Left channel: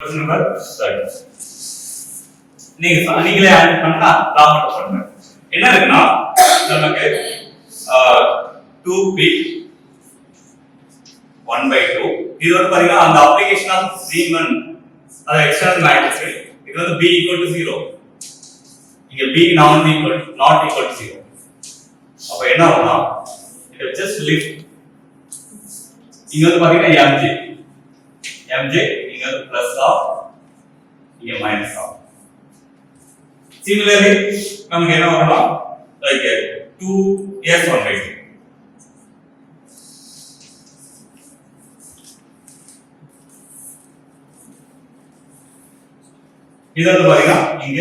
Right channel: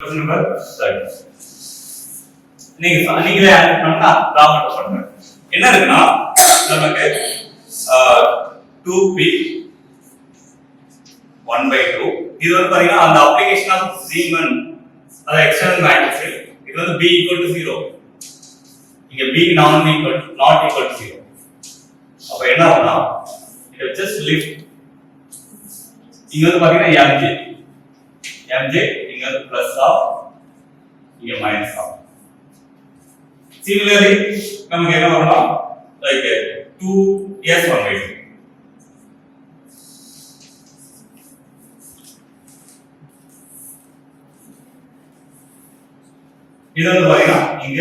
நம்பர் 30 நீங்களே ஆட் பண்ணா ப்ராப்பர்ட் பண்ணுங்க. என்ன இருக்குன்னா நமக்கு 2p 1/2 இது வந்து பாத்தீங்கன்னா அந்த அப்ளிகேஷன் ஆஃப் ரீமன் அது எக்ஸ்டர்னல் மேட்ரிக்ஸ் இது வந்து b = 0 இங்க b not equal to 0 அப்ப என்ன ஆகும்னா இது ஜஸ்ட் லிஃப்ட் இங்க வந்து பாத்தீங்கன்னா mj இங்க வந்து பிளஸ் ஆஃப் இங்க மைனஸ் ஆஃப் similarly நமக்கு என்ன வரும்னா லைக் 2s1/2 இது வந்து பாத்தீங்கன்னா இங்க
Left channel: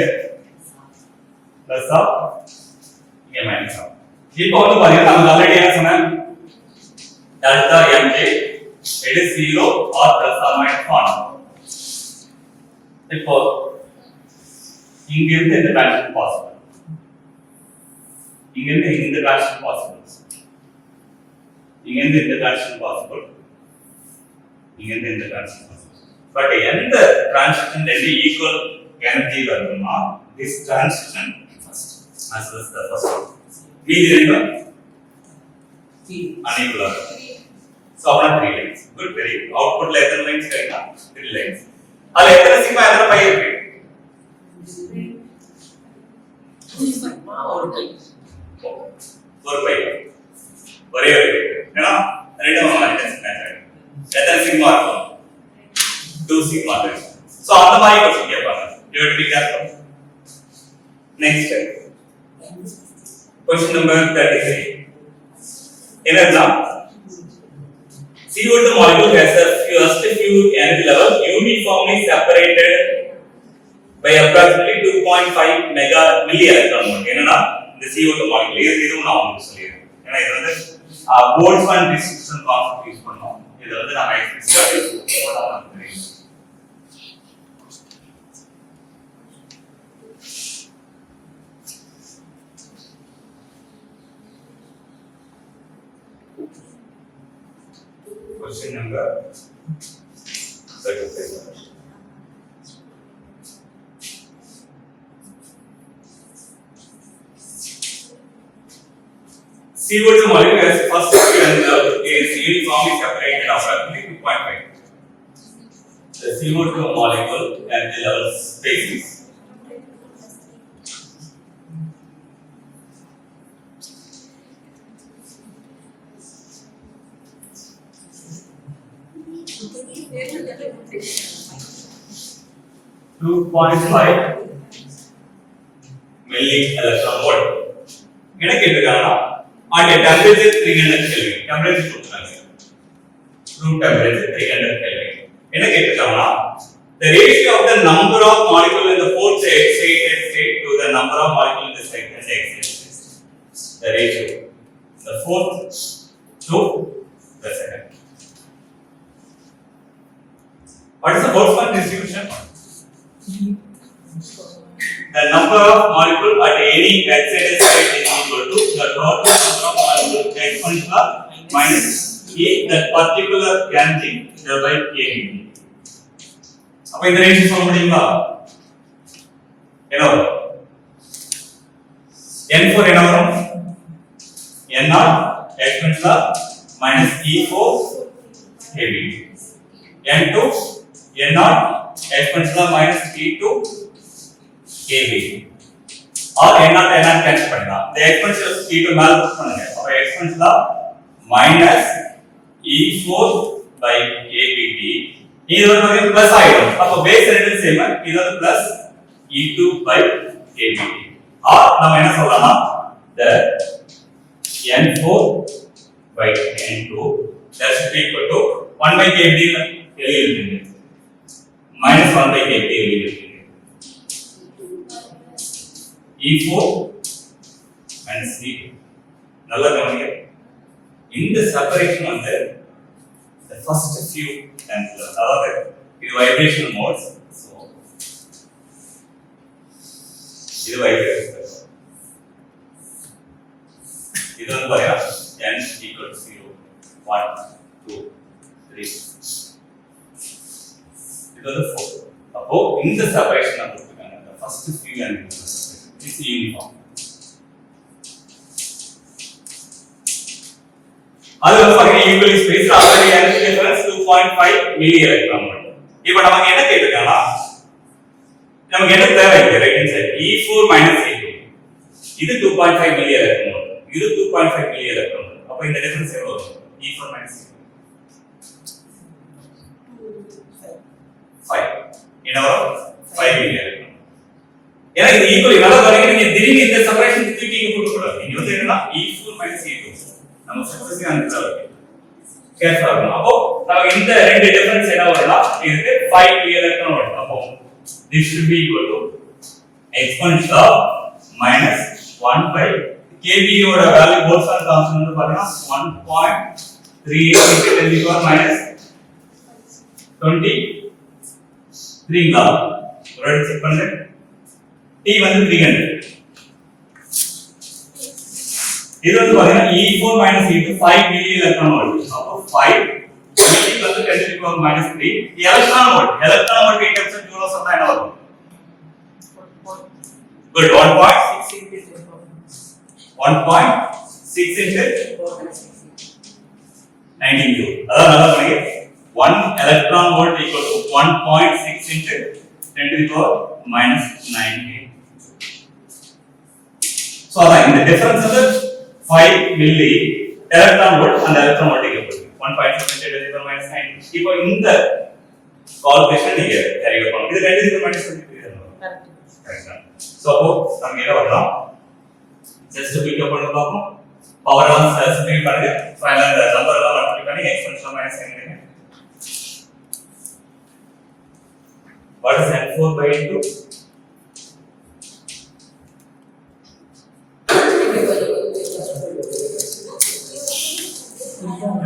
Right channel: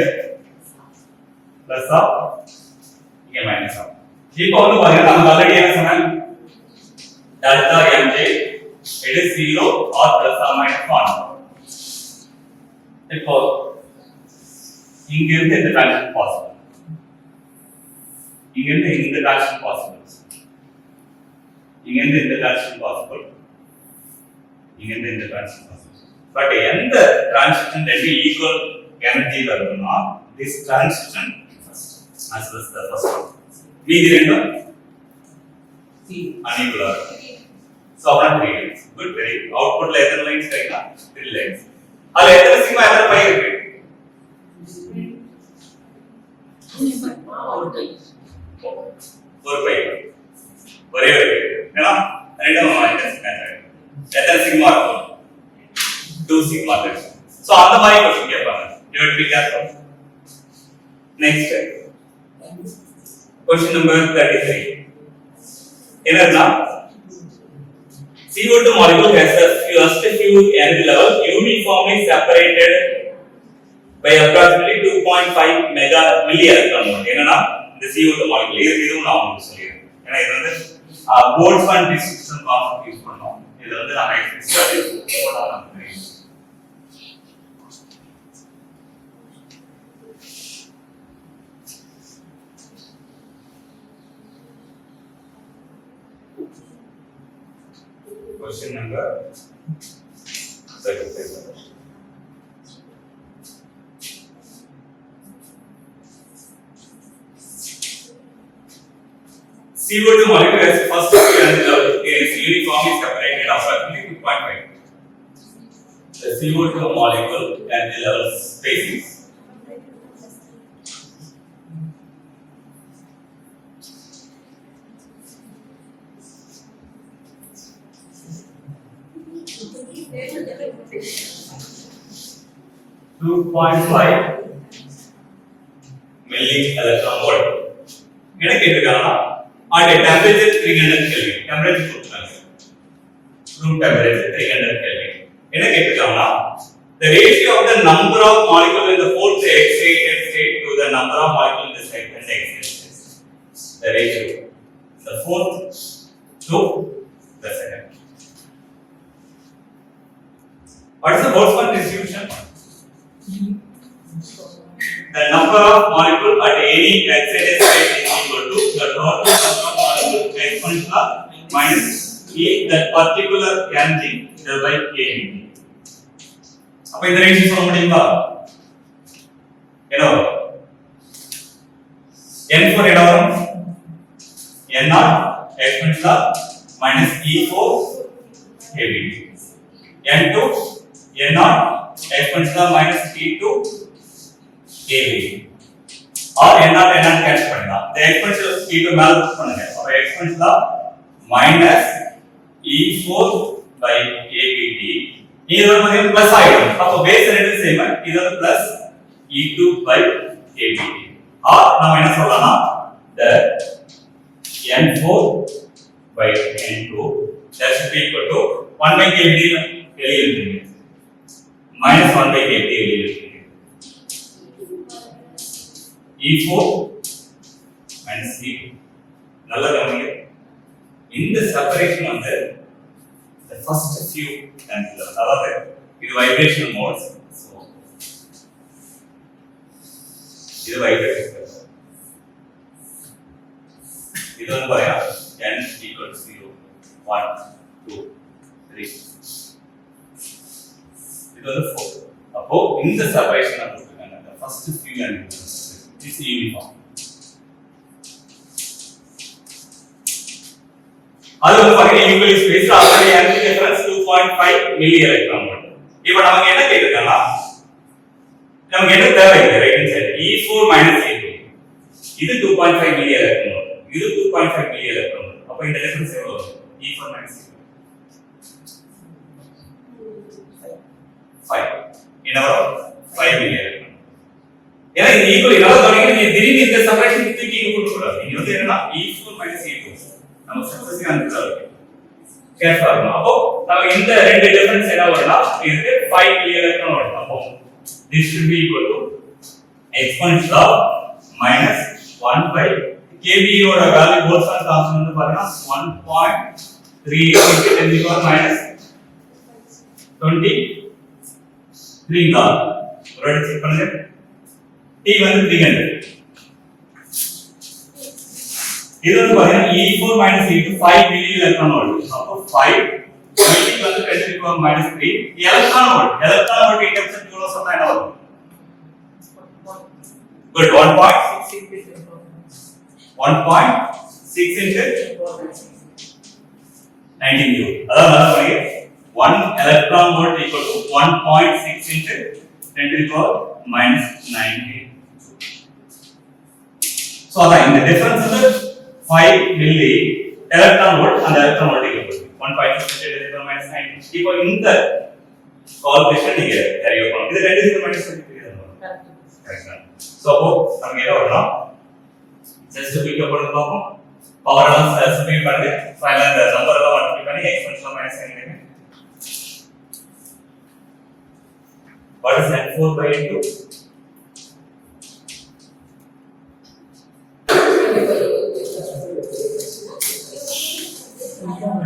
பிளஸ் ஆஃப் இங்க மைனஸ் ஆஃப் இப்போ வந்து பாத்தீங்கன்னா நம்ம ஆல்ரெடி என்ன சொன்னேன் delta mj it is 0 or plus or minus 1 இப்போ இங்க இருந்து இந்த ட்ரான்சிஷன் பாசிபிள் இங்க இருந்து இந்த ட்ரான்சிஷன் பாசிபிள் இங்க இருந்து இந்த ட்ரான்சிஷன் பாசிபிள் இங்க இருந்து இந்த ட்ரான்சிஷன் பாசிபிள் பட் எந்த ட்ரான்சிஷன் ரெண்டு ஈக்குவல் எனர்ஜி வருதுன்னா this transition first as well as the first one மீதி ரெண்டும் unequal so அப்பனா 3 lines good very good output ல எத்தனை lines கிடைக்கும் 3 lines அதுல எத்தனை சிக்மா எத்தனை பை இருக்கு ஒரு பை ஒரே ஒரு ஏன்னா ரெண்டும் மைனஸ் மெத்தட் எத்தனை சிக்மா இருக்கும் 2 சிக்மா இருக்கு சோ அந்த மாதிரி क्वेश्चन கேட்பாங்க you have to be careful next question number 33 என்னன்னா CO2 molecule has a first few energy level uniformly separated by approximately 2.5 mega milli electron volt என்னன்னா இந்த CO2 molecule இதுவும் நான் உங்களுக்கு சொல்லிறேன் ஏன்னா இது வந்து Boltzmann distribution concept யூஸ் பண்ணோம் இது வந்து நம்ம எக்ஸ்ட்ரா போடாம தெரியும் question number 35 CO2 molecule has first energy level is uniformly separated approximately 2.5 the CO2 molecule energy level space 2.5 milli electron volt என்ன கேக்குறாங்கன்னா at a temperature 300 kelvin temperature கொடுத்தாங்க room temperature 300 kelvin என்ன கேக்குறாங்கன்னா the ratio of the number of molecules in the fourth excited state to the number of molecules in the second excited state the ratio the fourth to the second what is the Boltzmann distribution the number of molecules at any excited state is equal to the total number of molecules exponential minus a that particular energy by k அப்ப இந்த ரேஷியோ சொல்ல முடியுமா என்ன வரும் n4 என்ன வரும் n0 exponential minus e4 kb n2 n0 exponential minus e2 kb or n0 cancel பண்ணலாம் the exponential e2 மேல புட் பண்ணுங்க அப்ப exponential minus e4 by kbt இது வந்து பிளஸ் ஆயிடும் அப்ப பேஸ் ரெண்டு சேம் இது வந்து plus e2 by kbt or நாம என்ன சொல்லலாம்னா the n4 by n2 that should be equal to 1 by kbt வெளியே எழுதுங்க minus 1 by kbt வெளியே எழுதுங்க e4 minus e2 நல்லா கவனிங்க இந்த செப்பரேஷன் வந்து the first few and அதாவது இது வைப்ரேஷனல் மோட்ஸ் சோ இது வைப்ரேஷன் இது வந்து பாருங்க n equal to 0 1 2 3 இது வந்து 4 அப்போ இந்த செப்பரேஷன் தான் கொடுத்துருக்காங்க. அந்த first few and it's uniform. அது வந்து பாத்தீங்கன்னா equally space already energy difference 2.5 milli electron volt. இப்போ நமக்கு என்ன கேட்டிருக்காங்கன்னா நமக்கு என்ன தேவை இங்க right hand side E4 E2. இது 2.5 மில்லி எலக்ட்ரான் வோல்ட். இது 2.5 மில்லி எலக்ட்ரான் வோல்ட். அப்ப இந்த டிஃபரன்ஸ் எவ்வளவு வரும்? E4 E2. 5. என்ன வரும்? 5 மில்லி எலக்ட்ரான். ஏன்னா இது ஈக்குவலி நல்லா கவனிங்க. நீங்க திடீர்னு இந்த செப்பரேஷன் தூக்கி இங்க போட கூடாது. இங்க வந்து என்னன்னா E4 E2 நம்ம சக்சஸிவ் ஆன்சர் இருக்கு. கேர்ஃபுல்லா இருக்கணும். அப்போ நமக்கு இந்த ரெண்டு டிஃபரன்ஸ் என்ன வரும்னா இதுக்கு 5 மில்லி எலக்ட்ரான் வோல்ட். அப்போ this should be equal to exponential of minus 1 by kV ஓட வேல்யூ போல்ட்ஸ் கான்ஸ்டன்ட் வந்து பாத்தீங்கன்னா 1.38 into 10 to the power minus 23 ங்க. ஒரு செக் பண்ணுங்க. T வந்து 300. இது வந்து பாத்தீங்கன்னா E4 E2 5 milli electron volt. அப்போ 5 milli plus 10 to the power minus 3 electron volt. Electron volt இன்டெக்ஷன் ஜூலோ சொன்னா என்ன வரும்? Good. 1.6 into 19 joule. அதான் நல்லா பாருங்க. 1 electron volt equal to 1.6 into 10 to the power minus 19. So அதான் இந்த டிஃபரன்ஸ் வந்து 5 milli electron volt and electron volt equal to 1.6 into 10 to the power minus 19. இப்போ இந்த கால்குலேஷன் நீங்க கேரி அவுட் பண்ணணும். இது 10 to the power minus 23 தான். கரெக்ட்டா? So அப்போ நம்ம என்ன வரலாம்? ஜஸ்ட் பிக் அப் பண்ணி பார்ப்போம். பவர் எல்லாம் ஸ்பெசிஃபை பண்ணுங்க. ஃபைனல் அந்த நம்பர் எல்லாம் மல்டிப்ளை பண்ணி எக்ஸ்பென்ஷன் மைனஸ் பண்ணிடுங்க. What is N4 by N2?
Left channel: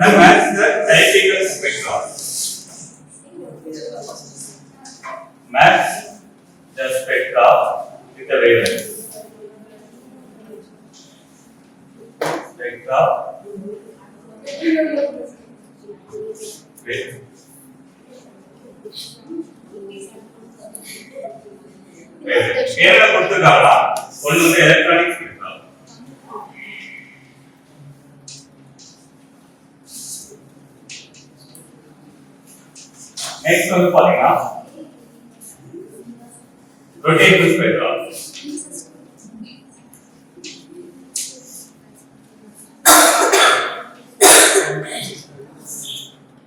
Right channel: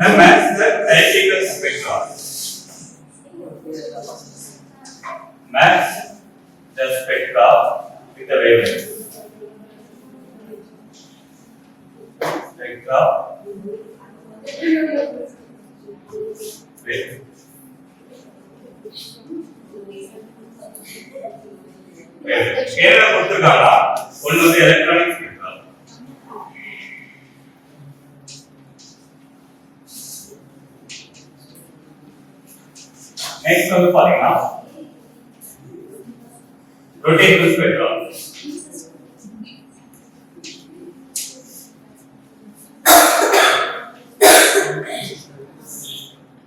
And match the electrical spectrum. Match the spectra with the wavelength. Spectra with wavelength. கொடுத்திருக்காங்களா? ஒன்னு வந்து எலக்ட்ரானிக் ஸ்பெக்ட்ரா. நெக்ஸ்ட் வந்து பாத்தீங்கன்னா ரொட்டேட்டிவ் ஸ்பெக்ட்ரா.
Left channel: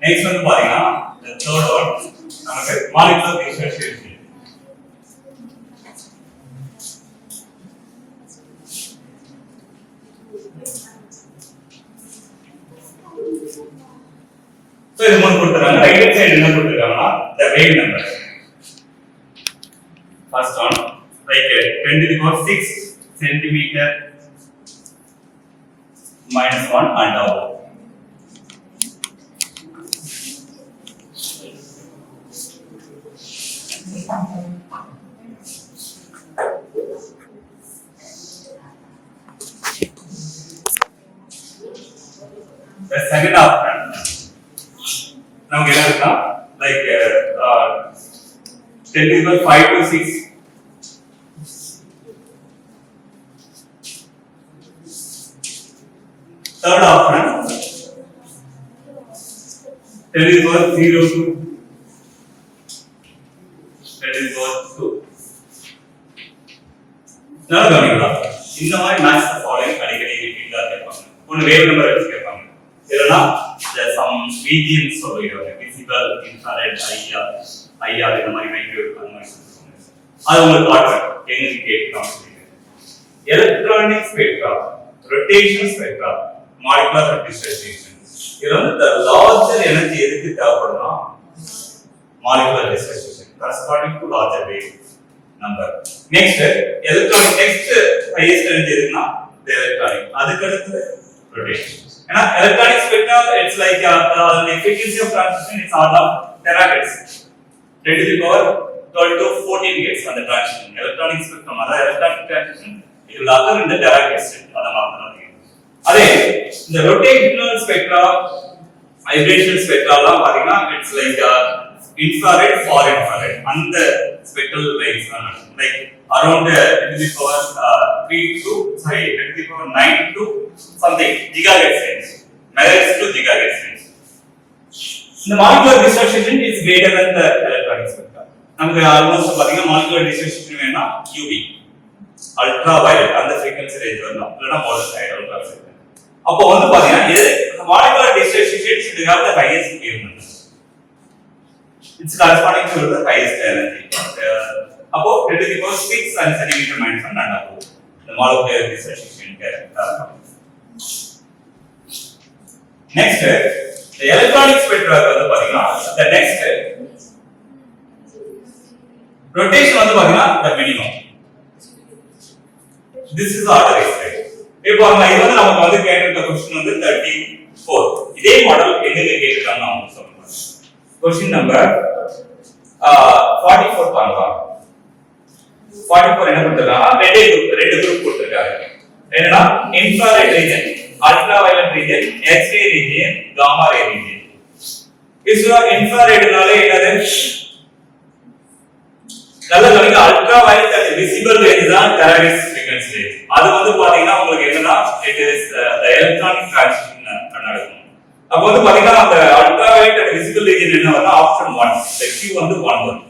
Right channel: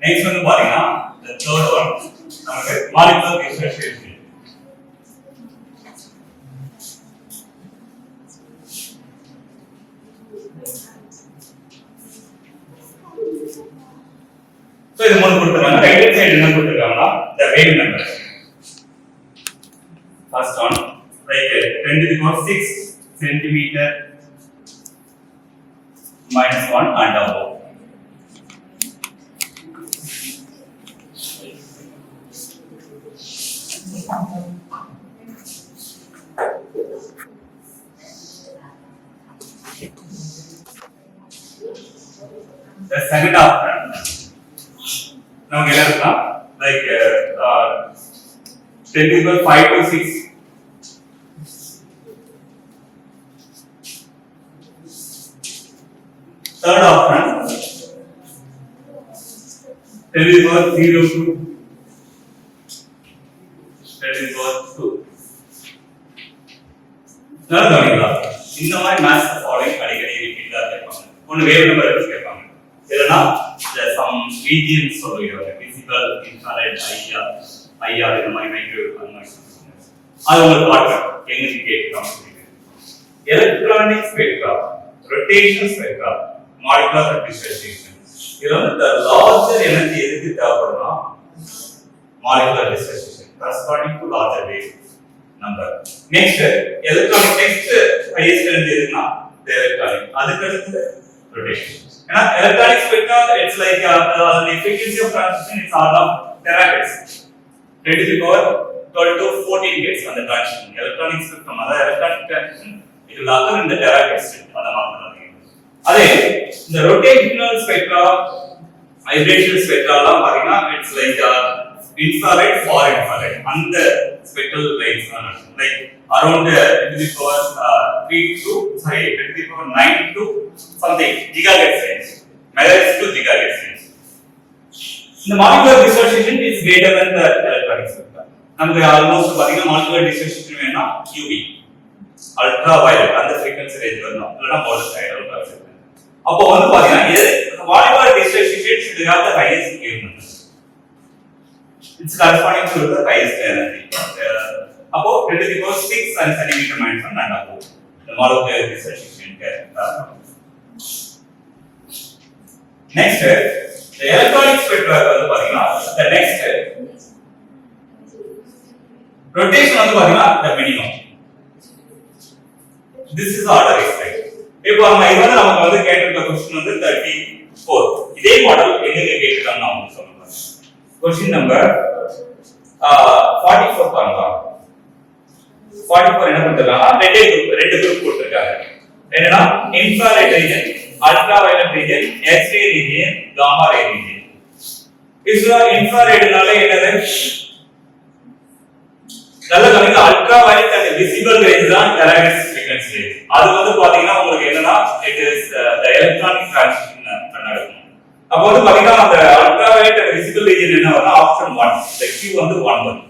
நெக்ஸ்ட் வந்து பாத்தீங்கன்னா the third one நமக்கு molecular differentiation. So இது மூணு கொடுத்திருக்காங்க. ரைட் ஹேண்ட் சைடு என்ன கொடுத்திருக்காங்கன்னா the wave number. First one like 10 to the power 6 centimeter minus 1 and above. The second option நமக்கு என்ன இருக்குன்னா like 10 to the power 5 to 6 third option 10 to the power 0 to 10 to the power 2. நல்லா கவனிங்களா? இந்த மாதிரி மேட்ச் ஃபாலோயிங் அடிக்கடி ரிப்பீட்டா கேட்பாங்க. ஒன்னு வேவ் நம்பர் எடுத்து கேட்பாங்க. இல்லனா some regions சொல்லுவாங்க. விசிபிள், இன்ஃப்ராரெட், ஐஆர் இந்த மாதிரி மைக்ரோவேவ் அந்த மாதிரி சொல்லுவாங்க. அது உங்களுக்கு காட்டுறேன். எங்க கேட்கலாம் சொல்லுங்க. Electronic spectra, rotational spectra, molecular dispersion. இது வந்து the larger energy எதுக்கு தேவைப்படும்னா molecular dispersion corresponding to larger wave number. Next electronic next highest energy எதுக்குன்னா the electronic. அதுக்கு அடுத்து rotation. ஏன்னா electronic spectra it's like the frequency of transition is all of terahertz 10 to the power 12 to 14 gets on the transition. Electronic spectrum அதாவது electronic transition it will occur in the terahertz அத மாத்தறாங்க. அதே இந்த rotational spectra vibration spectra எல்லாம் பாத்தீங்கன்னா it's like infrared, far infrared, and the spectral rays like around 10 to the power 10 to the power 9 to something gigahertz range, megahertz to gigahertz range. The molecular dissociation is greater than the electronic spectrum. நமக்கு ஆல்மோஸ்ட் பாத்தீங்கன்னா molecular dissociation வேணா QV ultraviolet அந்த frequency range வரணும் இல்லனா monoxide ultraviolet. அப்போ வந்து பாத்தீங்கன்னா இது molecular dissociation should have the highest wavelength. It's corresponding to the highest energy. அப்போ 10 to the power 6 centimeter minus 1 and above. The molecular dissociation. Next, the electronic spectrum வந்து பாத்தீங்கன்னா the next rotation வந்து பாத்தீங்கன்னா the minimum. This is order right. இப்போ நம்ம இது வந்து நமக்கு வந்து கேட்டிருக்க क्वेश्चन வந்து 34. இதே மாடல் எங்க கேட்டிருக்காங்க நான் சொல்றேன். क्वेश्चन நம்பர் 44 பாருங்க. 44 என்ன கொடுத்திருக்காங்க? ரெண்டு குரூப் கொடுத்திருக்காங்க. என்னன்னா infrared region, ultraviolet region, X-ray region, gamma ray region. இதுல infraredனால என்னது? நல்ல கவனிங்க ultraviolet and visible range தான் terahertz frequency range. அது வந்து பாத்தீங்கன்னா உங்களுக்கு என்னன்னா it is the electronic transmission நடக்கும். அப்ப வந்து பாத்தீங்கன்னா அந்த ultraviolet and visible region என்ன வரும்னா ஆப்ஷன் 1. the Q வந்து 1 வரும்.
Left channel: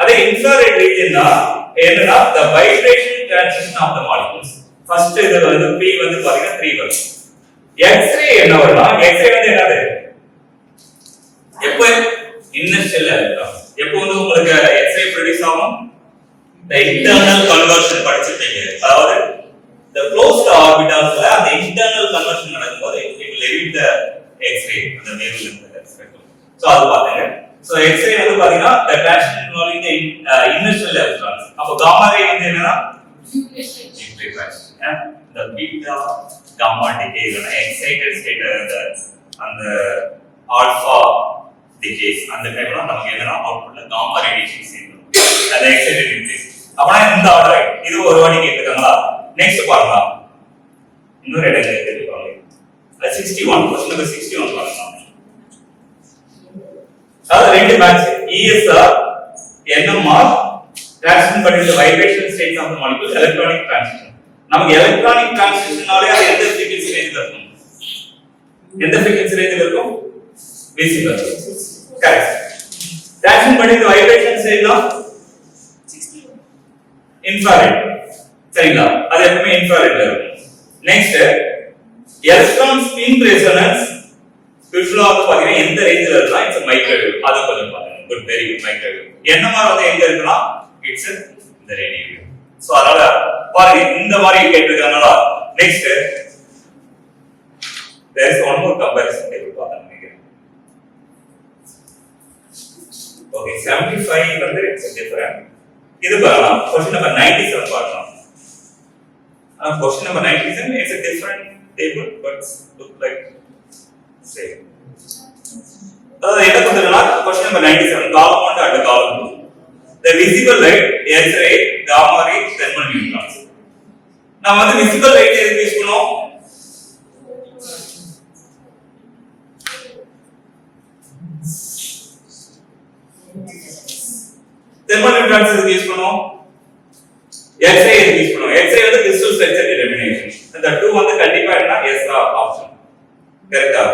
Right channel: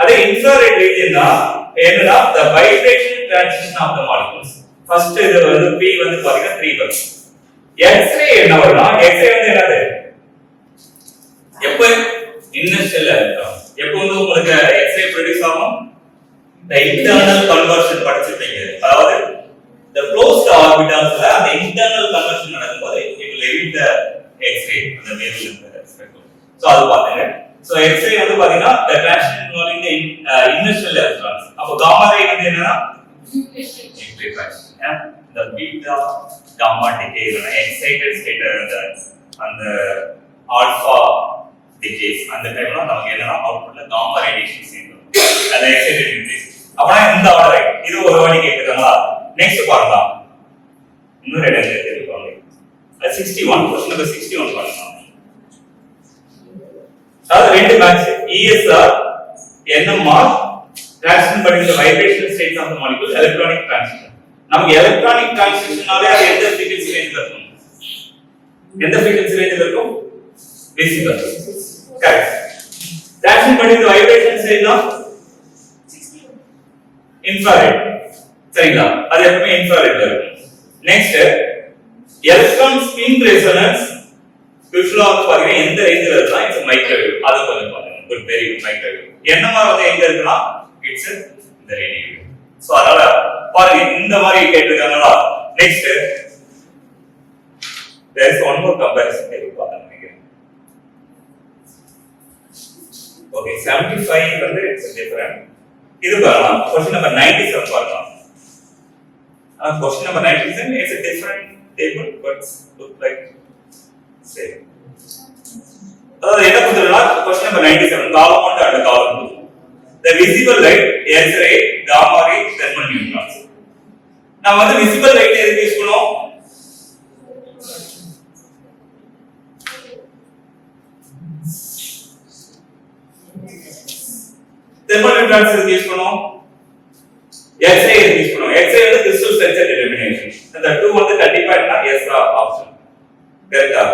அதே infrared region தான் என்னன்னா the vibration transmission of the molecules. First இது வந்து P வந்து பாத்தீங்கன்னா 3 வரும். X-ray என்ன வரும்னா X-ray வந்து என்னது? எப்போ இனர்ஷியல் எலக்ட்ரான் எப்போ வந்து உங்களுக்கு X-ray ப்ரொடியூஸ் ஆகும்? the internal conversion படிச்சிட்டீங்க. அதாவது the closed orbitals அந்த internal conversion நடக்கும்போது it will emit the X-ray அந்த wavelength spectrum. சோ அது பாத்தீங்க. So X-ray வந்து பாத்தீங்கன்னா the transition involving the inertial electrons. அப்ப gamma ray வந்து என்னன்னா nuclear transition. The beta gamma decay இல்லனா excited state அந்த alpha decays அந்த டைம்ல நமக்கு என்னன்னா அவுட்புட்ல gamma radiation சேர்ந்துரும். அது excited nucleus. அப்பனா இந்த ஆர்டர் இது ஒரு வாட்டி கேட்கறாங்களா? நெக்ஸ்ட் பாருங்க. இன்னொரு இடத்துல கேட்கறாங்க. 61 क्वेश्चन நம்பர் 61 பாருங்க. அதாவது ரெண்டு match ESR NMR transition between the vibration states of the molecule electronic transition. நமக்கு electronic transitionனாலே அது எந்த frequency range இருக்கும்? எந்த frequency range இருக்கும்? visible. Correct. Transition between the vibration state of infrared. சரிங்களா? அது எப்பவுமே infrared ல இருக்கும். Next electron spin resonance யூசுவலா வந்து பாத்தீங்கன்னா எந்த ரேஞ்சில இருக்குன்னா இட்ஸ் மைக்ரோவேவ். அது கொஞ்சம் பாருங்க. Good very good microwave. NMR வந்து எங்க இருக்குன்னா இட்ஸ் இந்த ரேடியோ வேவ். சோ அதனால பாருங்க இந்த மாதிரி கேட்டிருக்காங்களா? Next there is one more comparison table பார்த்தா நினைக்கிறேன். ஓகே 75 வந்து இட்ஸ் டிஃபரண்ட். இது பாருங்க क्वेश्चन நம்பர் 97 பார்க்கலாம். Question number 97 is a different table but look like same. அதாவது என்ன கொடுத்திருக்கா क्वेश्चन நம்பர் 97 column 1 and column 2. The visible light, X-ray, gamma ray, thermal neutrons. நாம வந்து visible light எதுக்கு யூஸ் பண்ணோம்? thermal neutrons எதுக்கு யூஸ் பண்ணோம்? X-ray எதுக்கு யூஸ் பண்ணோம்? X-ray வந்து crystal structure determination. அந்த 2 வந்து கண்டிப்பா என்ன yes ஆப்ஷன். கரெக்ட்டா?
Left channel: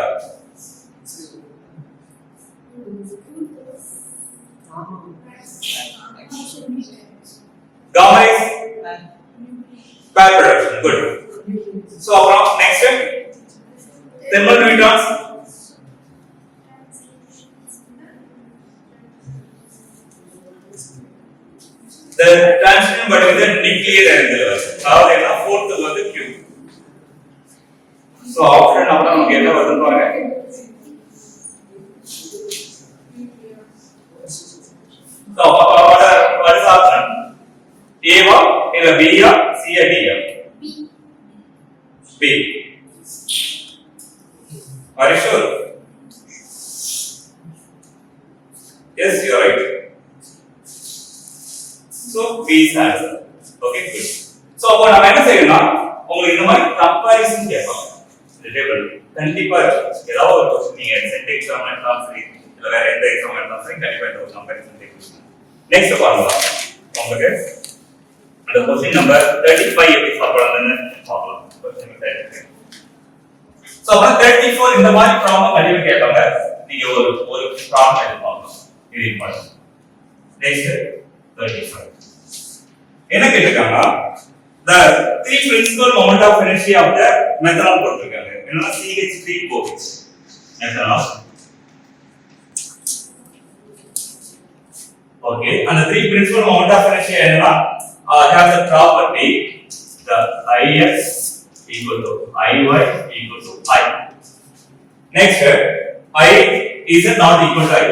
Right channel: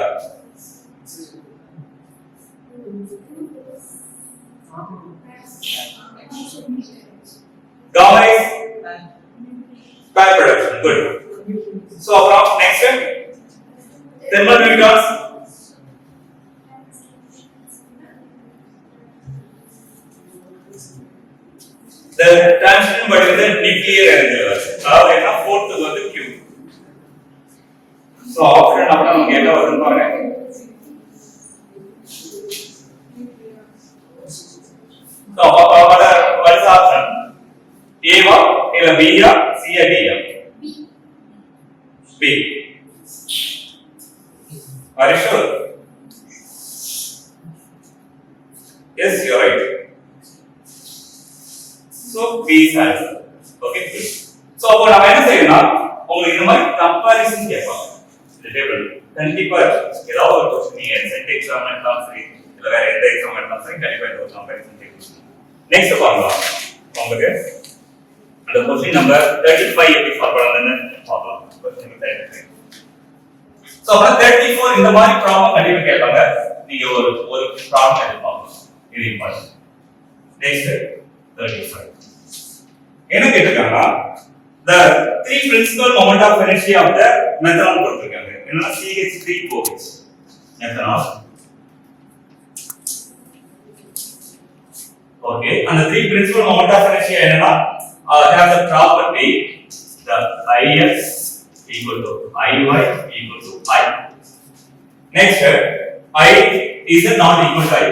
Gamma is pair production. Good. So next thermal neutrons. The transition between the nuclear energy levels. அதாவது என்ன 4th வந்து Q. So ஆப்ஷன் அப்ப நமக்கு என்ன வருதுன்னு பாருங்க. So what is option? A or B or C or D? B. Are you sure? Yes, you are right. So B is answer. Okay, good. So அப்ப நாம என்ன செய்யணும்னா உங்களுக்கு இந்த மாதிரி கம்பேரிசன் கேட்பாங்க. இந்த டேபிள் கண்டிப்பா ஏதாவது ஒரு क्वेश्चन நீங்க சென்ட் எக்ஸாம்ல கான்செப்ட் இதுல வேற எந்த எக்ஸாம் எடுத்தாலும் கண்டிப்பா இந்த ஒரு கம்பேரிசன் டெக்னிக். நெக்ஸ்ட் பாருங்க உங்களுக்கு அந்த क्वेश्चन நம்பர் 35 எப்படி சால்வ் பண்ணனும்னு பார்க்கலாம். क्वेश्चन 35. சோ அப்ப 34 இந்த மாதிரி ப்ராப்ளம் கண்டிப்பா கேட்பாங்க. நீங்க ஒரு ப்ராப்ளம் எழுதி பார்க்கலாம். இது இம்பார்ட்டன்ட். நெக்ஸ்ட் 35. என்ன கேட்டிருக்காங்க? The three principal moment of energy of the methanol கொடுத்திருக்காங்க. என்னன்னா CH3OH. methanol. Okay, and the three principal moment of energy என்னன்னா has the property the Ix equal to Iy equal to I. Next, I is not equal to I,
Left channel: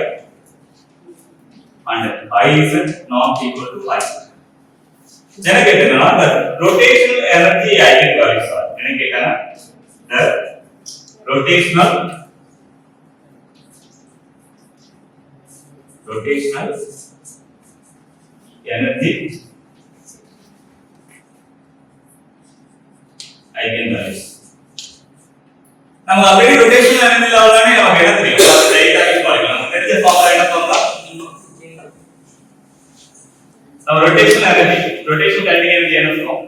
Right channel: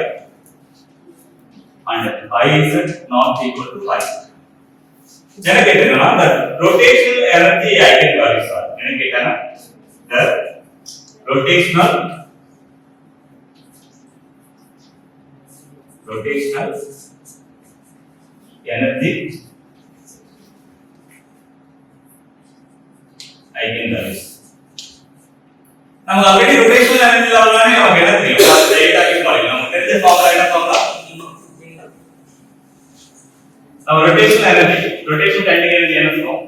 and I is not equal to I. என்ன கேட்டேன்னா the rotational energy eigenvalues are என்ன கேட்டானா the rotational energy eigenvalues. நம்ம already rotational energy லெவல்னானே நமக்கு என்ன தெரியும்? அது டைரக்டா யூஸ் பண்ணிடலாம். நமக்கு தெரிஞ்ச ஃபார்முலா என்ன ஃபார்முலா? நம்ம rotational kinetic energy என்ன சொல்றோம்?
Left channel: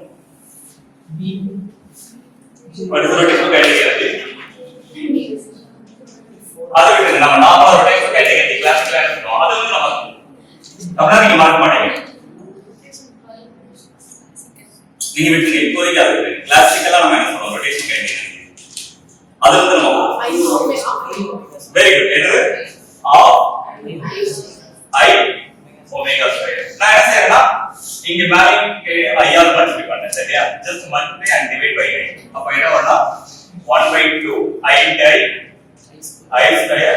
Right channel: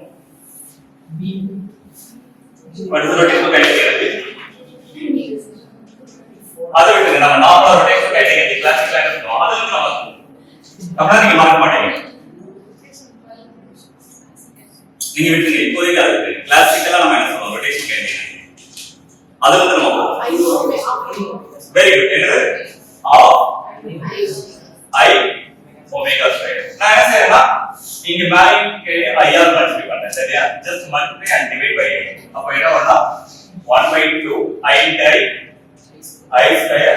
What is rotational kinetic energy? அது விட்டுங்க, நம்ம நார்மலா rotational kinetic energy கிளாசிக்கலா என்ன சொல்றோம்? அது வந்து நம்ம அப்படினா நீங்க மார்க் மாட்டீங்க. நீங்க விட்டுங்க, இப்போதைக்கு அது கிளாசிக்கலா நம்ம என்ன சொல்றோம்? rotational kinetic energy. அது வந்து நம்ம வெரி குட். என்னது? I omega square. நான் என்ன செய்யறேன்னா இங்க வேல்யூக்கு I ஆல் மல்டிப்ளை பண்றேன். சரியா? just multiply and divide by I. அப்ப என்ன வரும்னா 1/2 I square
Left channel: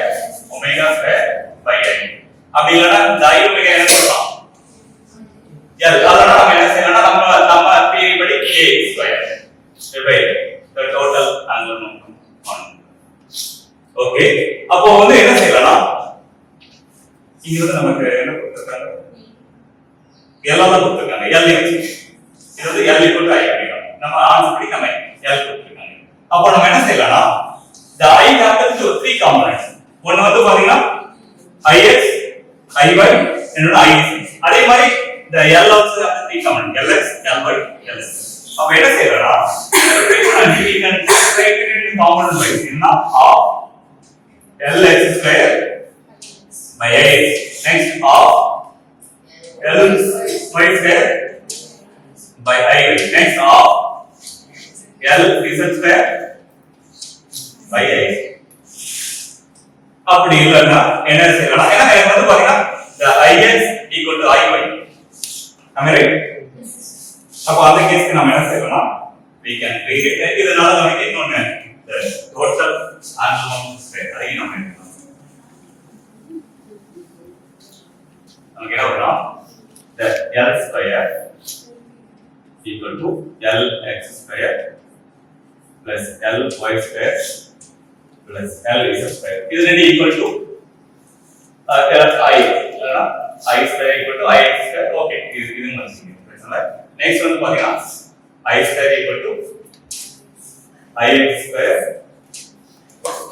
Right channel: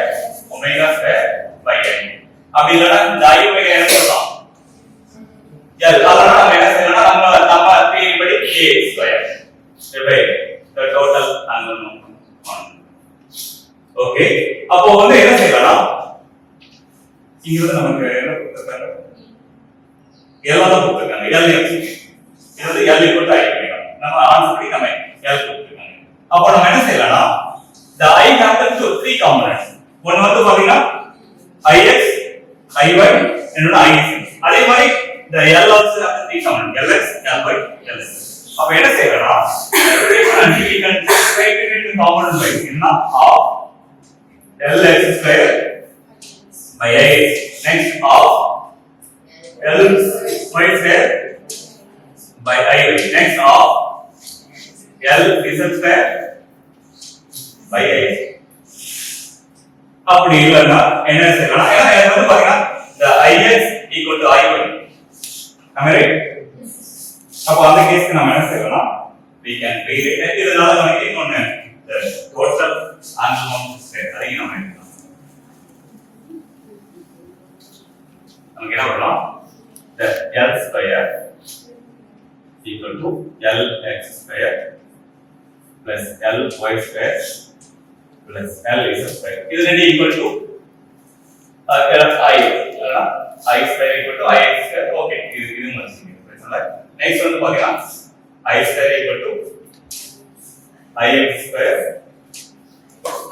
omega square by I. அப்படி இல்லனா இந்த I omega என்ன சொல்லலாம்? அதனால நம்ம என்ன செய்யலாம்னா நம்ம தியரி படி A square by the total angular momentum. Okay, அப்போ வந்து என்ன செய்யலாம்னா இங்க வந்து நமக்கு என்ன கொடுத்திருக்காங்க? L ஆல கொடுத்திருக்காங்க. L இது வந்து L = I omega. நம்ம ஆன்சர் படி நம்ம L கொடுத்திருக்காங்க. அப்போ நம்ம என்ன செய்யலாம்னா the I comes to three components. ஒன்னு வந்து பாத்தீங்கன்னா Ix, Iy, இன்னொரு Iz. அதே மாதிரி the L also has three components. Lx, Ly, Ls. அப்ப என்ன செய்யலாம்னா we can write it in component wise. என்ன half Lx square by Ix. Next half Ly square by Iy. Next half Lz square by I. அப்படி இல்லனா என்ன செய்யலாம்? ஏன்னா எனக்கு வந்து பாத்தீங்கன்னா the Ix equal to Iy. am I right? அப்ப அந்த கேஸ்க்கு நாம என்ன செய்யலாம்? we can read it. இதனால நமக்கு இன்னொன்னு the total angular momentum square அதையும் நாம எழுதலாம். நமக்கு என்ன வரும்? the L square equal to Lx square plus Ly square plus Lz square. இது ரெண்டு equal to I square equal to Ix square. Okay, இது மதிப்பு பிரச்சனை. நெக்ஸ்ட் வந்து பாத்தீங்கன்னா I square equal to Ix square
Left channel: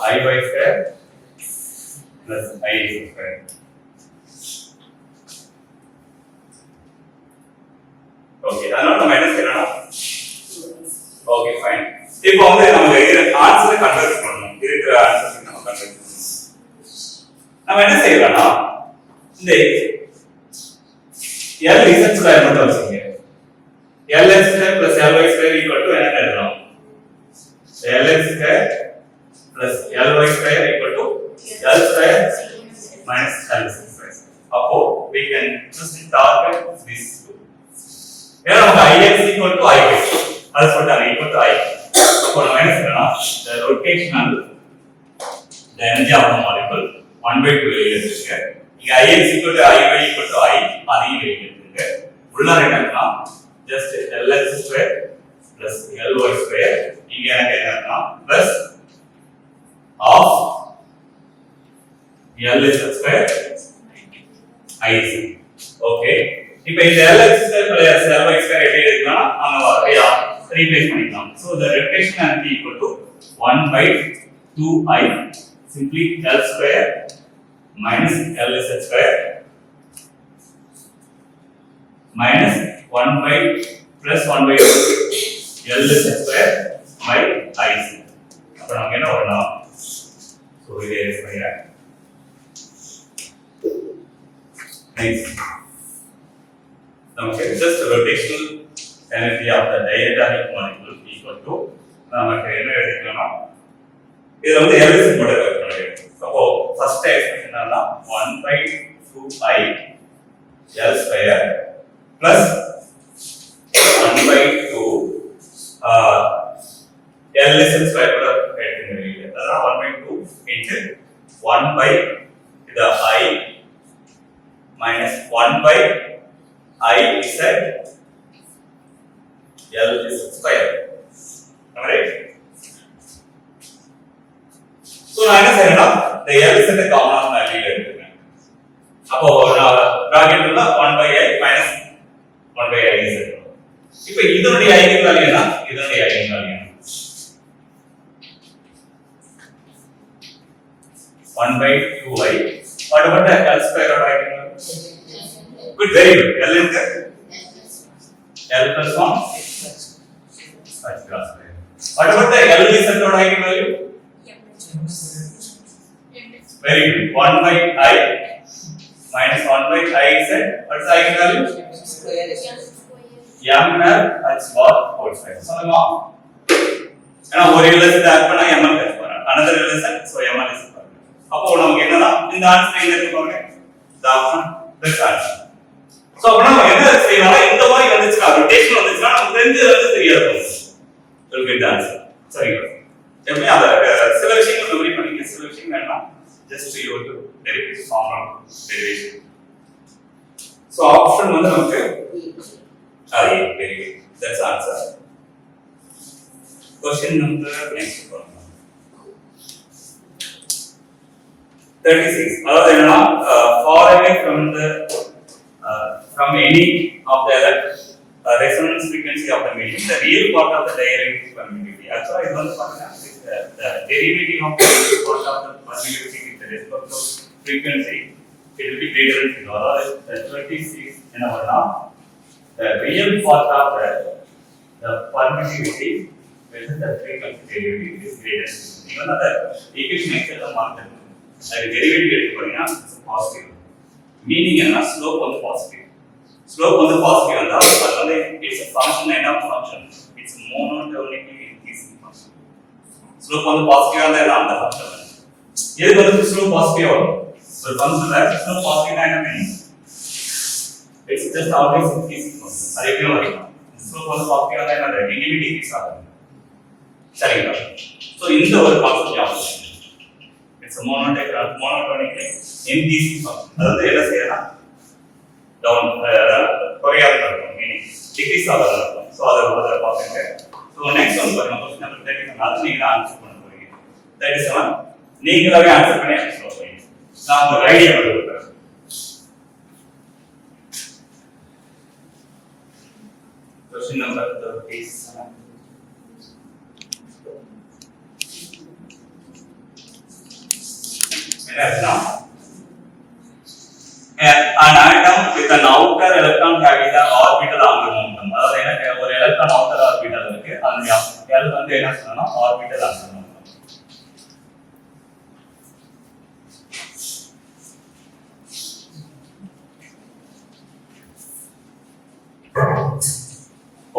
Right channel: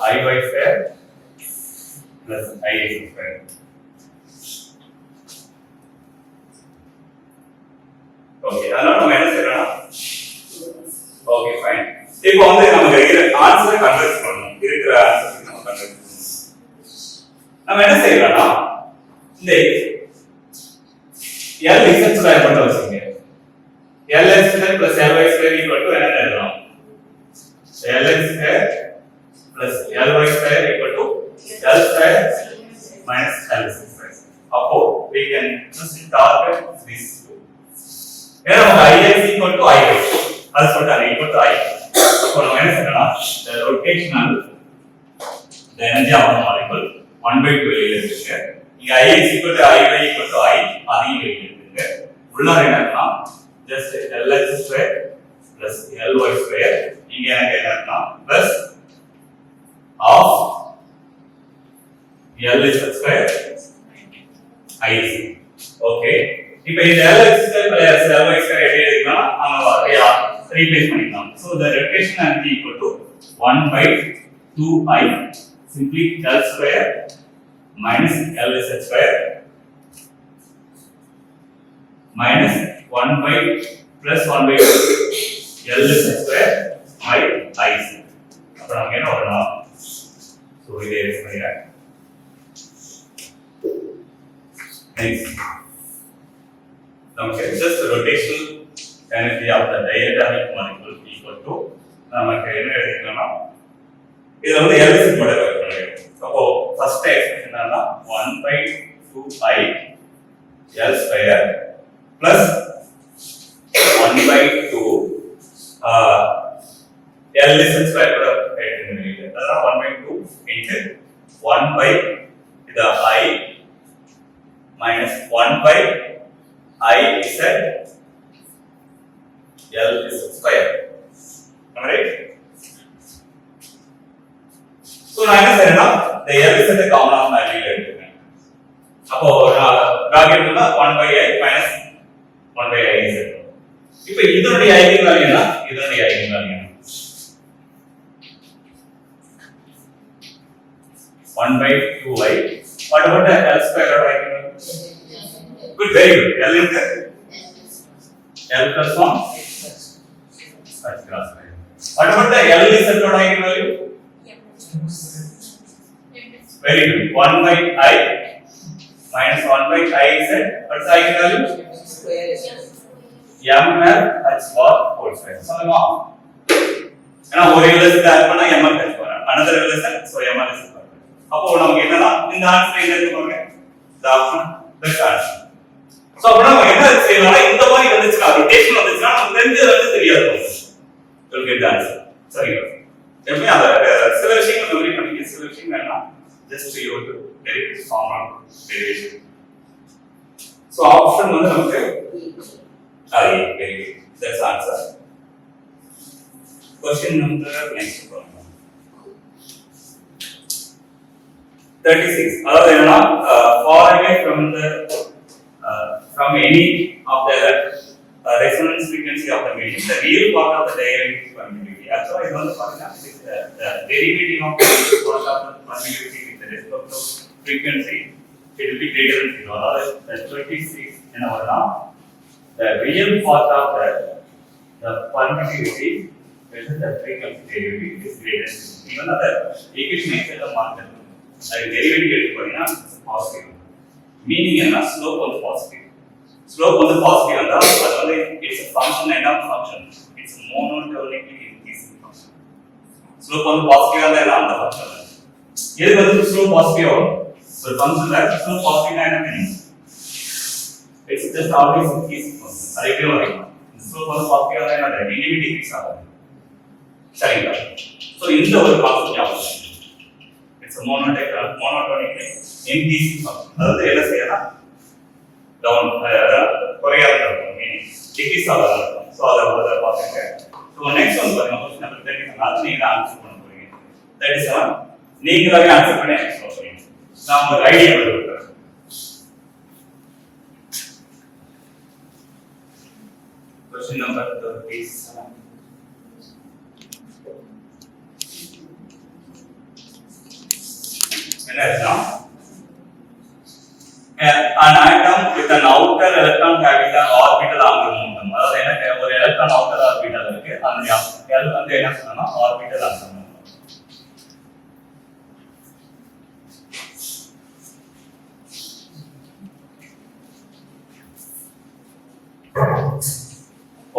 Iy square plus Iz square. Okay, அதனால நம்ம என்ன செய்யறோம்னா ஓகே ஃபைன். இப்போ வந்து நம்ம இருக்கிற ஆன்சரை கன்வெர்ட் பண்ணனும். இருக்கிற ஆன்சரை நம்ம கன்வெர்ட் பண்ணனும். நம்ம என்ன செய்யறோம்னா இந்த Lz ஸ்கொயர் மட்டும் வச்சுங்க. Lx square plus Ly square equal to என்ன எழுதலாம்? Lx square plus Ly square equal to L square minus Lz square. அப்போ we can just target this two. ஏன்னா நமக்கு Ix equal to Iy. அது சொல்றாங்க equal to I. அப்போ நம்ம என்ன செய்யலாம்? the rotational the energy of the molecule 1/2 வெளியில இருக்கு. இங்க Ix equal to Iy equal to I அதையும் வெளியில இருக்கு. உள்ள என்னன்னா just Lx square plus Ly square இங்க எனக்கு என்னன்னா plus half Lz square Iz. Okay, இப்போ இந்த Lx square plus Ly square எப்படி இருக்குன்னா நம்ம ரீப்ளேஸ் பண்ணிக்கலாம். So the rotation energy equal to 1/2I simply L square minus LZ square minus 1 by plus 1 by LZ square by IZ. அப்ப நமக்கு என்ன வரணும்? So இதை erase பண்ணிடுறேன். Next, நமக்கு just rotational energy of the diatomic molecule equal to நமக்கு என்ன எழுதிக்கணும்? இதுல வந்து LZ மட்டும் வர முடியும். அப்போ first expression என்னன்னா 1 by 2I L square plus 1 by 2 LZ square கூட எழுதிங்க. அதான் 1 by 2 into 1 by the I minus 1 by I Z LZ square. Am I right? So நான் என்ன செய்யறேன்னா the LZ காமன் வேல்யூ எடுத்துக்கிறேன். அப்போ பிராக்கெட்ல 1 by I minus 1 by I Z. இப்போ இதனுடைய ஐகன் வேல்யூ என்ன? இதனுடைய eigen value 1 by 2I. What about the L square of eigen value? Good, very good. L is the L plus 1. That's cross. What about the LZ of eigen value? Very good. 1 by I minus 1 by IZ. What's the eigen value? M L H bar whole square. So now, ஒரு LZ add பண்ணா ML கிடைச்சு வரும். Another LZ, so ML is அப்போ நமக்கு என்னன்னா இந்த ஆன்சர் என்ன இருக்கு பாருங்க. the option best answer. So அப்ப நம்ம என்ன செய்யலாம்? இந்த மாதிரி வந்துச்சுனா ரொட்டேஷன் வந்துச்சுனா நமக்கு தெரிஞ்சது வந்து தெரியாது. you'll get the answer. சரிங்க. எப்பவுமே அந்த சில விஷயங்கள் மெமரி பண்ணிக்க, சில விஷயங்கள் வேண்டாம். just you to derive this formula derivation. So option வந்து நமக்கு very good. That's answer. Question number next one. 36. அதாவது என்னன்னா far away from any of the resonance frequency of the medium, the real part of the derivative permittivity. Actually, இது வந்து பாத்தீங்கன்னா the derivative of the real part of the permittivity with respect to frequency, it will be greater than 0. அதாவது 36 என்ன வரும்னா the real part of the permittivity with the frequency derivative is greater than 0. even the equation extra மாறுது. அது டெரிவேட்டிவ் எடுத்து பாத்தீங்கன்னா positive. Meaning என்ன? ஸ்லோப் வந்து positive. Slope வந்து பாசிட்டிவ் வந்தா அது வந்து இட்ஸ் a function என்ன function? It's monotonically increasing function. Slope வந்து பாசிட்டிவ் வந்தா என்ன அந்த ஃபங்க்ஷன். எதுக்கு வந்து ஸ்லோப் பாசிட்டிவ் வரும்? ஒரு ஃபங்க்ஷன்ல ஸ்லோப் பாசிட்டிவ்னா என்ன meaning? It's just always increasing function. அது எப்படி வரும்? ஸ்லோப் வந்து பாசிட்டிவ் வந்தா என்ன எங்கேயுமே டிக்ரீஸ் ஆகும். சரிங்களா? சோ இந்த ஒரு கான்செப்ட் ஞாபகம். It's a monotonically increasing function. அதாவது என்ன செய்யலாம்? டவுன் குறையாத இருக்கும். மீனிங் டிக்ரீஸ் ஆகாத இருக்கும். சோ அத பாத்துங்க. சோ நெக்ஸ்ட் ஒன் பாருங்க. Question number 37. அது நீங்க ஆன்சர் பண்ண போறீங்க. 37 நீங்களாவே ஆன்சர் பண்ணி சொல்ல போறீங்க. நான் ஒரு ஐடியா கொடுக்கிறேன். Question number 37. an atom with an outer electron having the orbital angular momentum. அதாவது என்ன ஒரு எலக்ட்ரான் outer orbital இருக்கு. அதனுடைய L வந்து என்ன சொன்னா orbital angular momentum.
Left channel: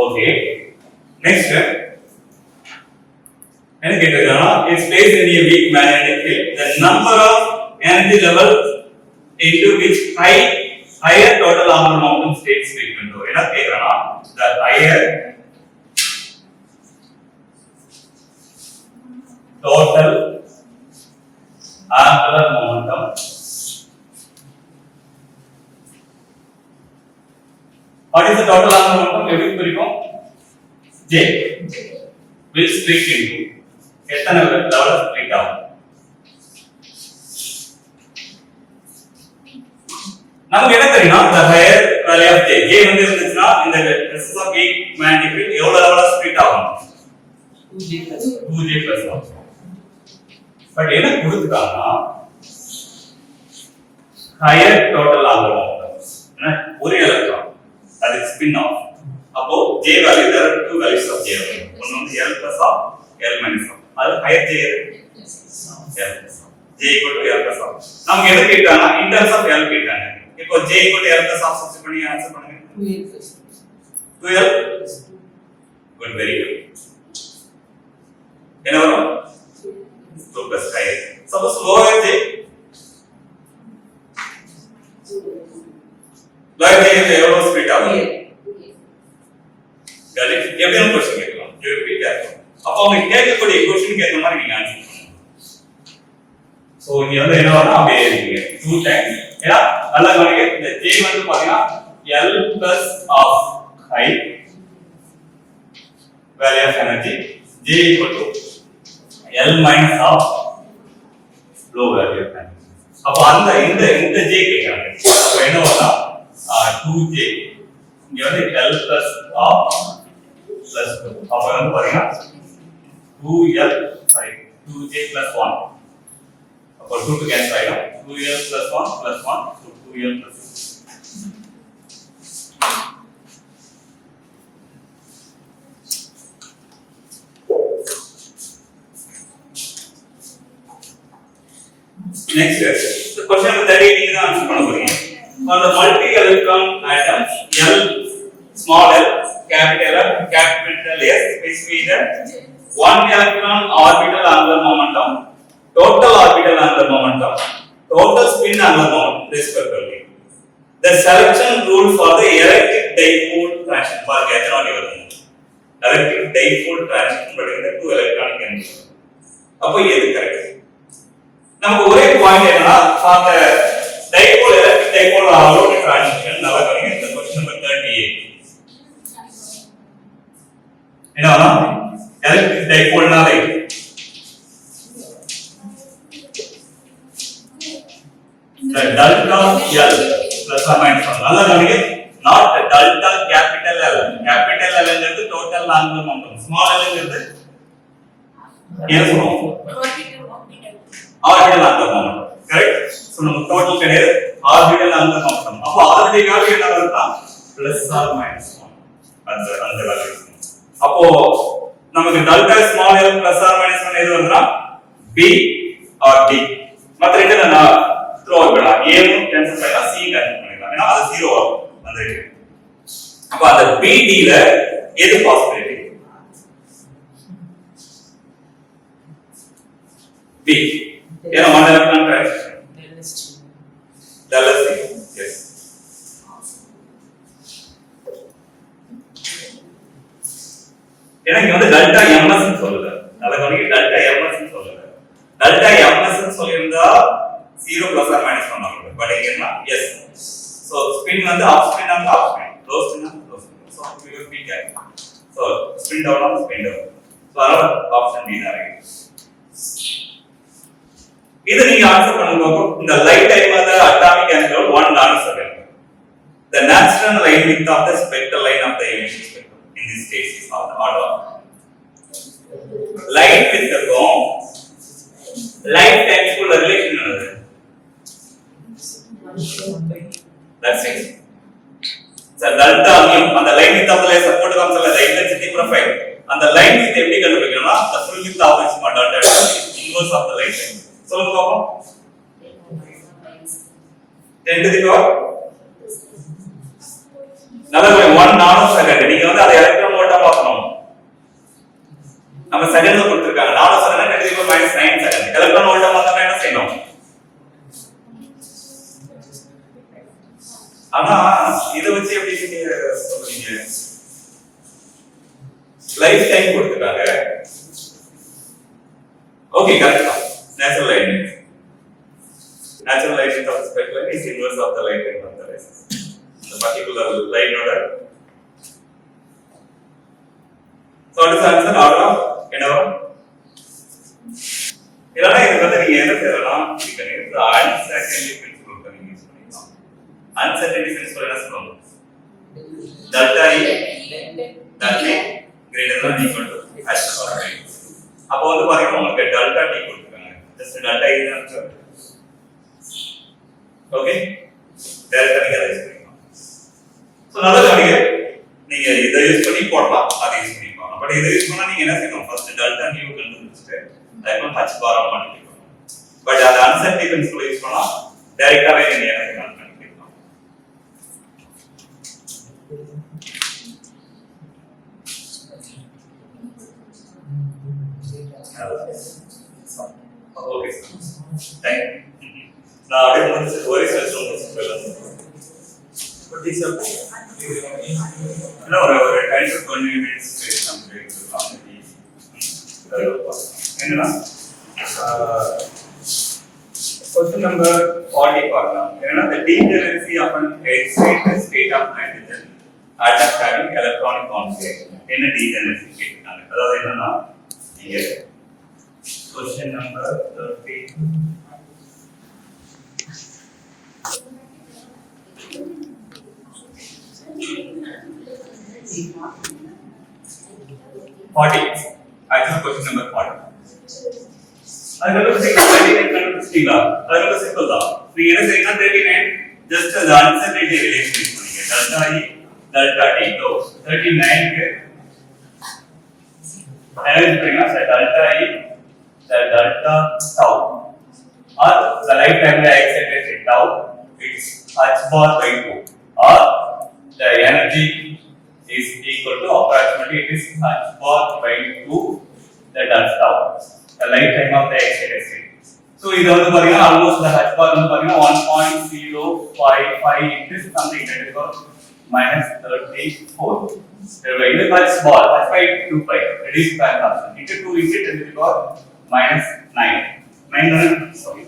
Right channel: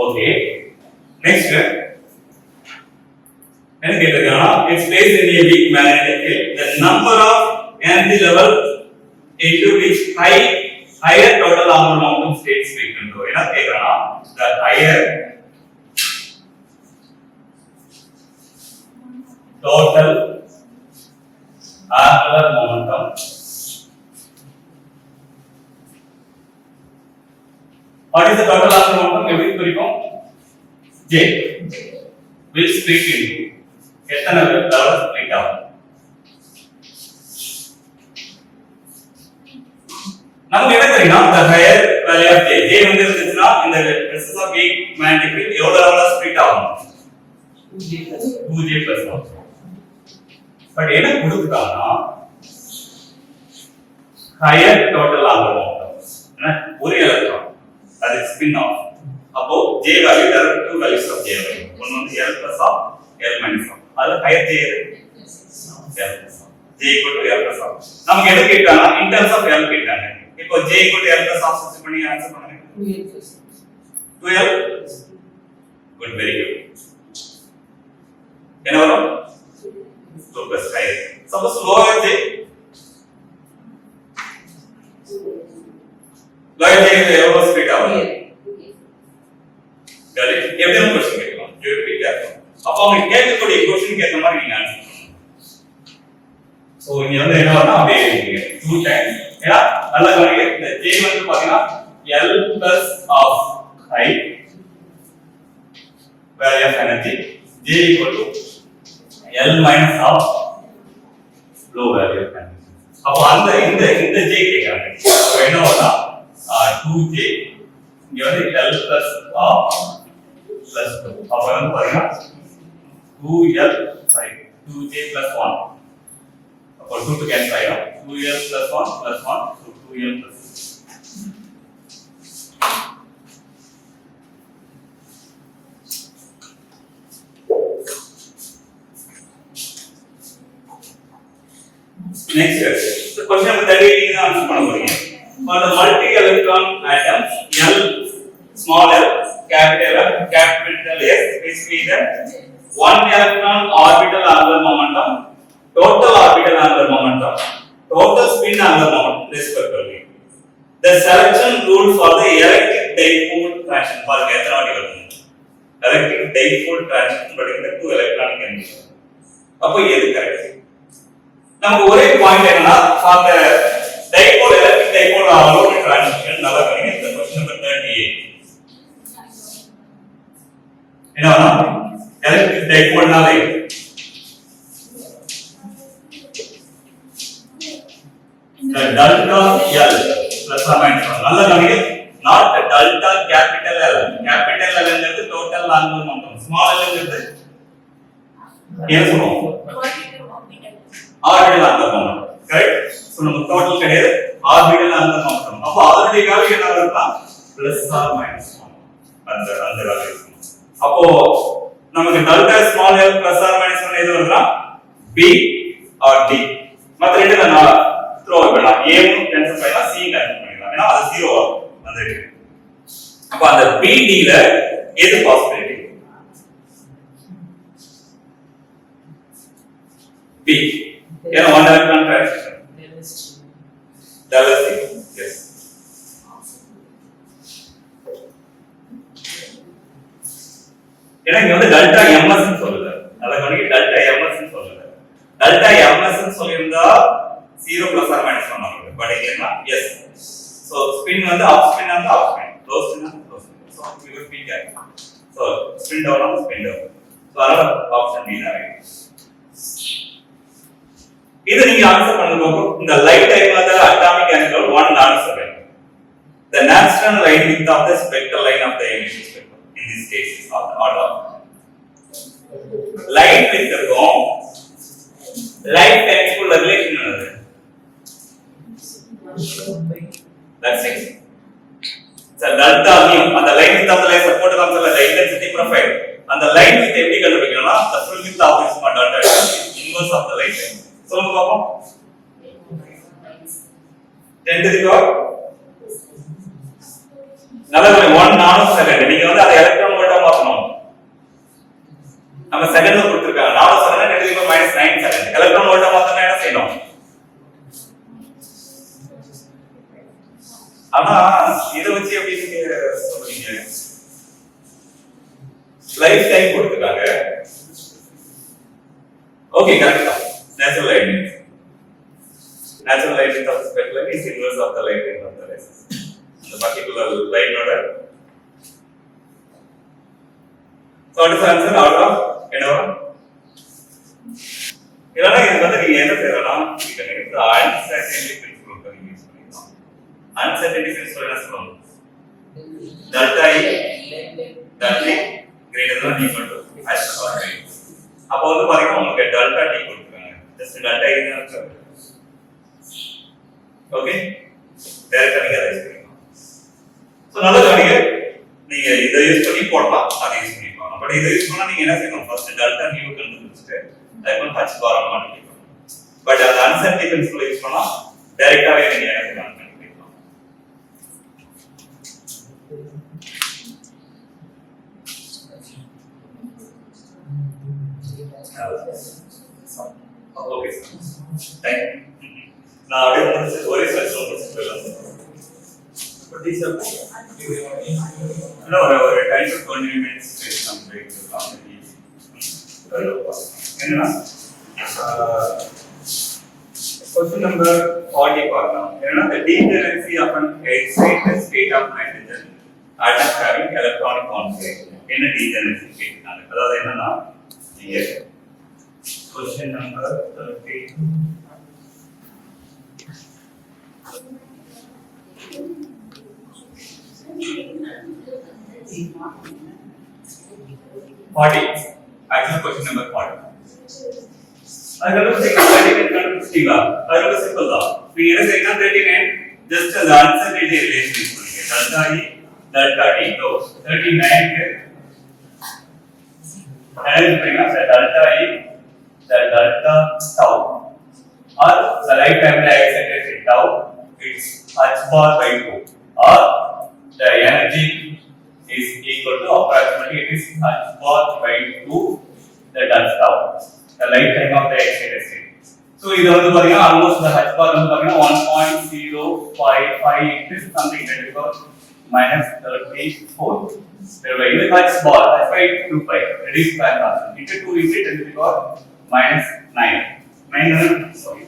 Okay. Next என்ன கேட்டிருக்கானா it's placed in a weak magnetic field. The number of energy level into which higher total angular momentum states frequent. என்ன கேக்குறானா the higher total angular momentum what is the total angular momentum எப்படி குறிப்போம் J will split into எத்தனை level split ஆகும் நமக்கு என்ன தெரியும்னா the higher value of J வந்து இருந்துச்சுன்னா இந்த resistance of weak magnetic field எவ்வளவு லெவல்ல ஸ்ப்ளிட் ஆகும் 2J plus 1 பட் என்ன கொடுத்துட்டாங்கன்னா higher total angular momentum. ஒரு electron that is spin off. அப்போ J value, there are two values of J value. One வந்து L plus of, L minus of. அது higher J L plus of. J equal to L plus of. நமக்கு எது கேட்டாங்க? In terms of L கேட்டாங்க. இப்போ J equal to L plus of substitute பண்ணி ஆன்சர் பண்ணுங்க. 2L. Good, very good. என்ன வரும்? 2 plus higher. Suppose lower J. Lower J is எவ்வளவு ஸ்பீட் ஆகும்? Got it? எப்படி ஒரு क्वेश्चन கேட்கலாம்? You repeat carefully. அப்ப அவங்க கேட்கக்கூடிய क्वेश्चन ஏத்த மாதிரி நீங்க ஆன்சர் பண்ணணும். சோ இங்க வந்து என்ன வரணும் அப்படியே எழுதிங்க. 2 times. ஏன்னா நல்லா கவனிங்க. இந்த J வந்து பாத்தீங்கன்னா L plus of high value of energy, J equal to L minus of low value of energy. அப்ப அந்த இந்த J கேக்குறாங்க. அப்ப என்ன வரணும்? 2J இங்க வந்து L plus of plus 2. அப்ப வந்து பாத்தீங்கன்னா 2J plus 1. அப்ப 2 to cancel ஆயிடும். 2L plus 1 plus 1, so 2L plus 2. Next, so question number 38 நீங்க தான் ஆன்சர் பண்ண போறீங்க. For the multi-electron atoms L, small l, capital S, is the 1 electron orbital angular momentum, total orbital angular momentum, total spin angular momentum, respectively. The selection rule for the electric dipole traction for electronic element. Electric dipole traction but in the 2 electronic condition. அப்போ எது கரெக்ட்? நமக்கு ஒரே பாயிண்ட் என்னன்னா for the dipole electric dipole alone transition நல்லா கவனிங்க. இந்த question number 38 என்னன்னா electric dipole நாலே the delta L plus or minus 1 நல்லா கவனிங்க. not the delta capital L. capital L ங்கிறது total angular momentum, small l ங்கிறது என்ன சொல்றோம்? orbital angular momentum. correct? so நம்ம total கிடையாது, orbital angular momentum. அப்ப ஆல்ரெடி வேல்யூ என்ன வருதுன்னா plus or minus 1 அந்த வேல்யூ. அப்போ நமக்கு delta small l plus or minus 1 எது வருதுன்னா B or D. மத்த ரெண்டு நான் த்ரோ பண்ணலாம். A வும் கேன்சல் பண்ணலாம், C கேன்சல் பண்ணிடலாம். ஏன்னா அது 0 ஆகும் அந்த இருக்கு. அப்ப அந்த BD ல எது பாசிபிலிட்டி? B. ஏன்னா 1 electron transition. Delta T. Yes. ஏன்னா இங்க வந்து டெல்டா ms ன்னு சொல்லுது. அத கவனிங்க, டெல்டா ms ன்னு சொல்லுது. டெல்டா ms ன்னு சொல்லிருந்தா 0 plus or minus 1 ஆகும். பட் இங்க என்ன? yes. so spin வந்து up spin and up spin, low spin and low spin. so we will be careful. so spin down and spin down. so அதனால option B தான் இருக்கு. இது நீங்க ஆன்சர் பண்ணும்போது இந்த light time of the atomic angle 1 answer வேணும். the natural line width of the spectral line of the emission spectrum in this case is of the order of light width இருக்கும் light time குள்ள ரிலேஷன் என்னது? that's it. so delta mu அந்த line width of the light support காமிச்சல the intensity profile அந்த line width எப்படி கண்டுபிடிக்கணும்னா the full width of this delta is inverse of the light time. சொல்லுங்க பாப்போம். 10 to the power நல்ல 1 நானோ செகண்ட். நீங்க வந்து அதை எலக்ட்ரான் வோல்ட்டா மாத்தணும். நம்ம செகண்ட்ல கொடுத்திருக்காங்க. Nanosecond 10 to the power -9 second. Electron வோல்ட்டா மாத்தனா என்ன செய்யணும்? ஆனா இத வச்சு எப்படி சொல்றீங்க? லைஃப் டைம் கொடுத்திருக்காங்க. ஓகே, கரெக்ட் தான். Natural light of the spectral line is inverse of the light time of the rays. The particular line order. So what is the answer? Order of என்ன? இல்லனா இது வந்து நீங்க என்ன செய்யலாம்? நீங்க இந்த uncertainty principle நீங்க யூஸ் பண்ணிக்கலாம். Uncertainty principle என்ன சொல்லுங்க? delta E greater than or equal to h power 9. அப்போ வந்து பாத்தீங்கன்னா உங்களுக்கு delta T கொடுத்திருக்காங்க. just delta E தான் இருக்கு. ஓகே டைரக்டா நீங்க அதை யூஸ் பண்ணிக்கலாம் சோ நல்ல கவனிங்க நீங்க இதை யூஸ் பண்ணி போடலாம் அதை யூஸ் பண்ணி போடலாம் பட் இதை யூஸ் பண்ணா நீங்க என்ன செய்யணும் ஃபர்ஸ்ட் டெல்டா நியூ கண்டுபிடிச்சிட்டு அதுக்கு ஹச் பார் மாட்டிக்கலாம் பட் அது அன்சர்டி பிரின்சிபல் யூஸ் பண்ணா டைரக்டாவே நீங்க என்ன செய்யலாம் கண்டுபிடிக்கலாம் ஓகே தேங்க் யூ நான் அப்படியே வந்து ஒரே சொல்லுங்க சொல்லலாம் பட் இஸ் no ஒரு 10 to 20 minutes some break என்னன்னா question number 40 பார்க்கலாம் என்னன்னா the degeneracy of an excited state of hydrogen atoms having electronic configuration என்ன degeneracy கேட்டாங்க அதாவது என்னன்னா இங்க question number 30 40 actually question number 40 அது கண்டுபிடிச்சிட்டீங்களா அது ரொம்ப சிம்பிள் தான் நீ என்ன செய்யணும் 39 just அந்த uncertainty relation யூஸ் பண்ணீங்க delta e delta t so 39 க்கு and bring us delta e the delta tau or the right primary excitation tau it's h bar by 2 or the energy is equal to approximately it is h bar by 2 the delta tau the lifetime of the excited state so இது வந்து பாத்தீங்கன்னா almost the h bar வந்து பாத்தீங்கன்னா 1.055 it is something that is called minus 34 இது h bar h by 2 pi it is fantastic into 2 into 10 to the power minus 9 9 sorry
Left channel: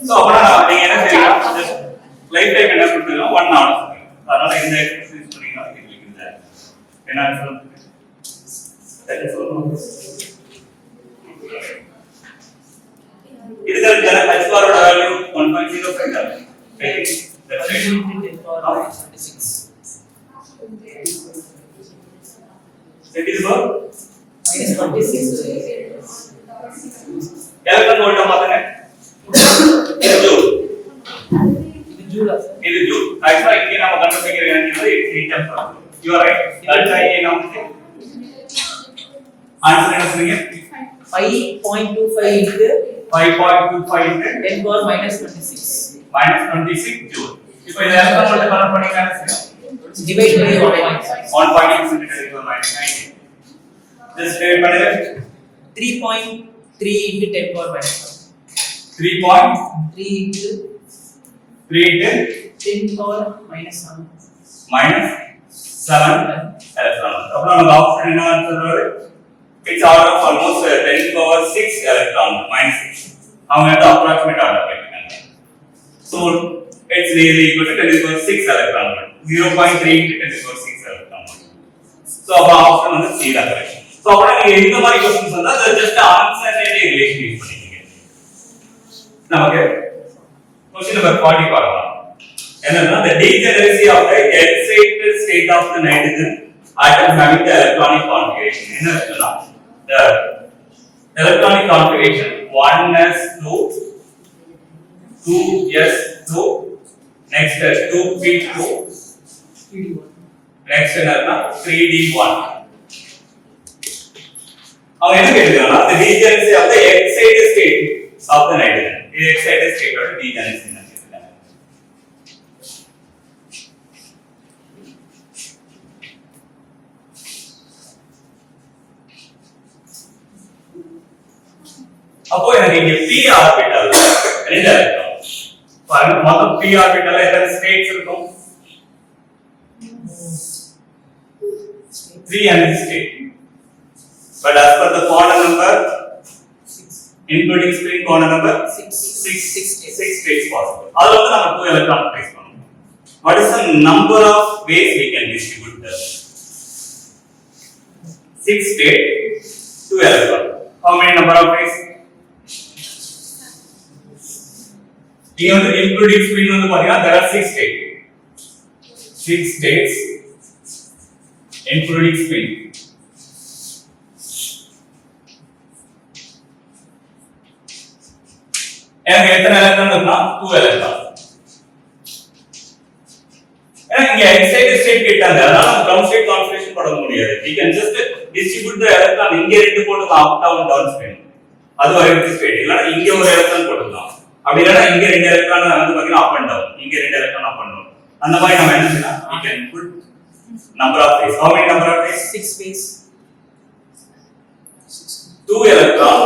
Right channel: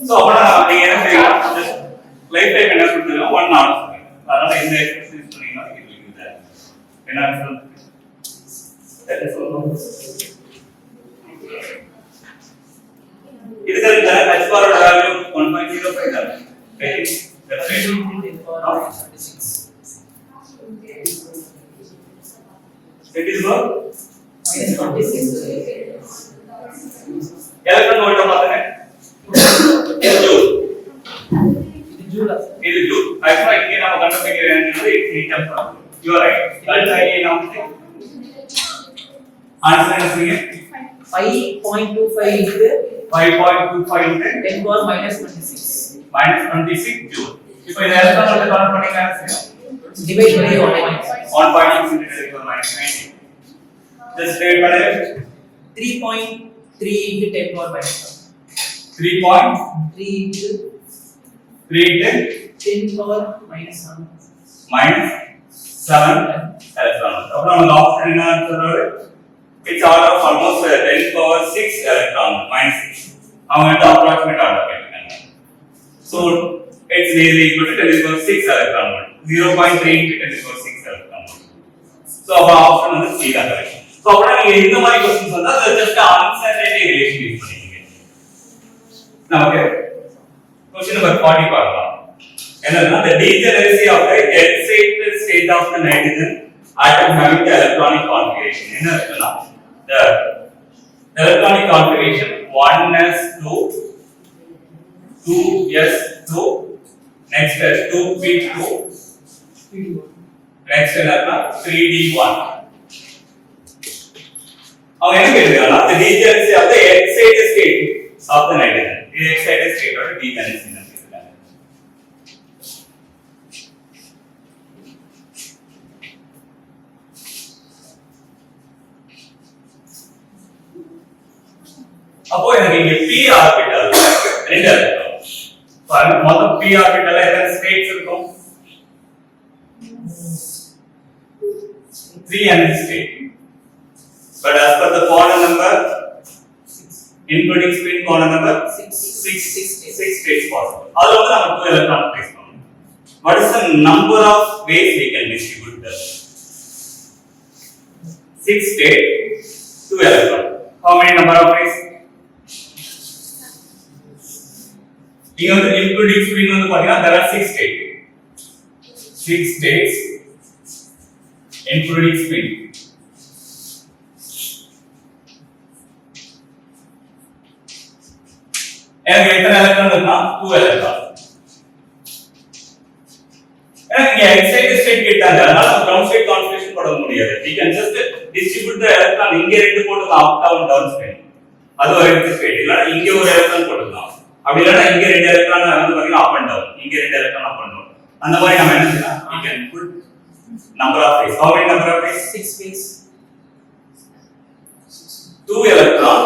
So, அப்பனா நீங்க என்ன செய்வீங்க லைஃப் டைம் என்ன கொடுத்தீங்க 1 hour அதனால இந்த எக்ஸர்சைஸ் யூஸ் பண்ணீங்கன்னா இது இருக்குது என்ன ஆன்சர் தட் இஸ் இதுக்கு h bar ஓட வேல்யூ 1.05 தான் that's it that is what electron volt மாத்துங்க இது ஜூல் ஆக்சுவலா இங்க நாம கண்டுபிடிக்கிற energy heat you are right delta ஏ நாம ஆன்சர் என்ன சொல்றீங்க 5.25 into 5.25 into 10 power minus 26 26 ஜூல் இப்போ இத எலக்ட்ரான் வோல்ட் கன்வர்ட் பண்ணீங்க divide by 1.6 into 10 to the minus 19 just divide பண்ணுங்க 3.3 into 10 power minus 3.3 into 10 power minus 7 electron அப்ப நம்ம ஆப்ஷன் என்ன சொல்றது it's order of almost 10 power 6 electron minus 6 அவங்க வந்து approximate order பண்ணிருக்காங்க so it's nearly equal to 10 power 6 electron volt 0.3 into 10 power 6 electron volt so அப்ப ஆப்ஷன் வந்து C தான் கரெக்ட் so அப்ப நீங்க இந்த மாதிரி क्वेश्चंस வந்தா just uncertainty relation யூஸ் பண்ணிக்கங்க நமக்கு question number 40 பார்க்கலாம் என்னன்னா the degeneracy of the excited state of the nitrogen atom having the electronic configuration என்ன இருக்குன்னா the electronic configuration 1s2 2s2 next 2p2 next என்னன்னா 3d1 அவங்க என்ன கேக்குறாங்கன்னா the degeneracy of the excited state of the nitrogen இது excited state ஓட degeneracy ன்னு கேக்குறாங்க அப்போ எனக்கு இங்க p ஆர்பிட்டால் ரெண்டு இருக்கும் பாருங்க மொத்தம் p ஆர்பிட்டால்ல எத்தனை ஸ்டேட்ஸ் இருக்கும் 3 energy state but as per the quantum number including spin quantum number 6 states possible அதுல வந்து நம்ம 2 electron place பண்ணனும் what is the number of ways we can distribute the 6 state 2 electron how many number of ways இங்க வந்து including spin வந்து பாத்தீங்கன்னா there are 6 states. 6 states including spin. எனக்கு எத்தனை எலக்ட்ரான் இருக்குன்னா 2 எலக்ட்ரான். எனக்கு இங்க எக்ஸைட்டட் ஸ்டேட் கேட்டாங்க, அதனால கிரவுண்ட் ஸ்டேட் கான்ஃபிகரேஷன் போட முடியாது. we can just distribute the electron இங்க ரெண்டு போட்டுக்கலாம், அப் டவுன் டவுன் ஸ்பின். அது ஒரு ஸ்டேட். இல்லனா இங்க ஒரு எலக்ட்ரான் போட்டுக்கலாம். அப்படி இல்லனா இங்க ரெண்டு எலக்ட்ரான் வந்து பாத்தீங்கன்னா அப் அண்ட் டவுன், இங்க ரெண்டு எலக்ட்ரான் அப் அண்ட் டவுன். அந்த மாதிரி நம்ம என்ன செய்யலாம்? we can put number of phase. How many number of phase? 6 phase. 2 electron,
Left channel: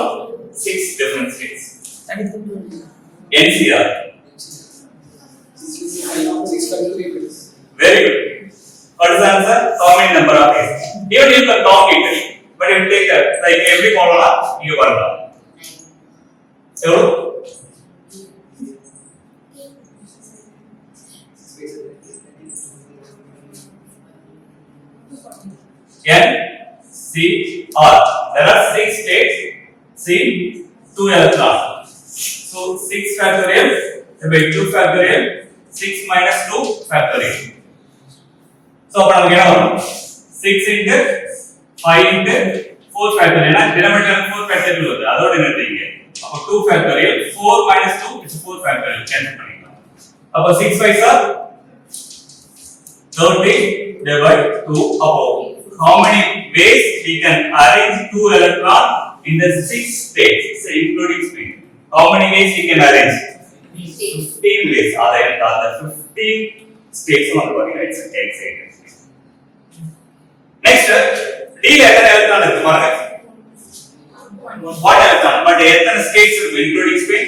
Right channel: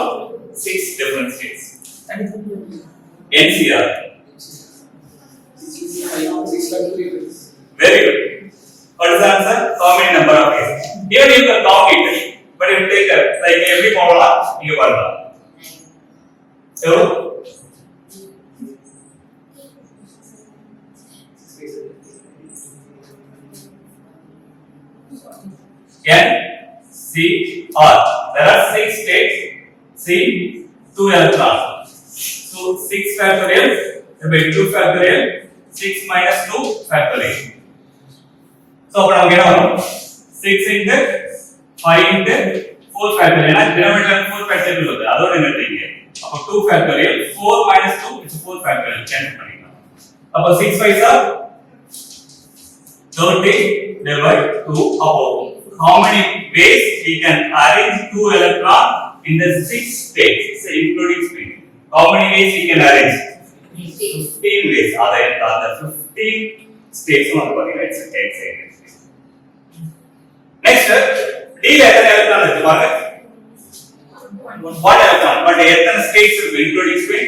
6 different states. NCR. Very good. What is the answer? How many number of phase? Here you can count it, but if you take like every formula, you can count. So, N, C, R. There are 6 states. C, 2 electrons. So 6 factorial by 2 factorial, 6 minus 2 factorial. So அப்ப நமக்கு என்ன வரும்? 6 into 5 into 4 factorial. ஏன்னா denominator 4 factorial வருது, அதோட நிறுத்திங்க. அப்ப 2 factorial, 4 minus 2 is 4 factorial. Cancel பண்ணிக்கலாம். அப்ப 6 5s are 30 divided by 2. அப்போ how many ways we can arrange 2 electron in the 6 states, so including spin? How many ways we can arrange? 15 ways. Other 15 states வந்து பாத்தீங்கன்னா it's excited state. Next, D ல எத்தனை எலக்ட்ரான் இருக்கு பாருங்க. 1 electron, but எத்தனை states இருக்கு including spin?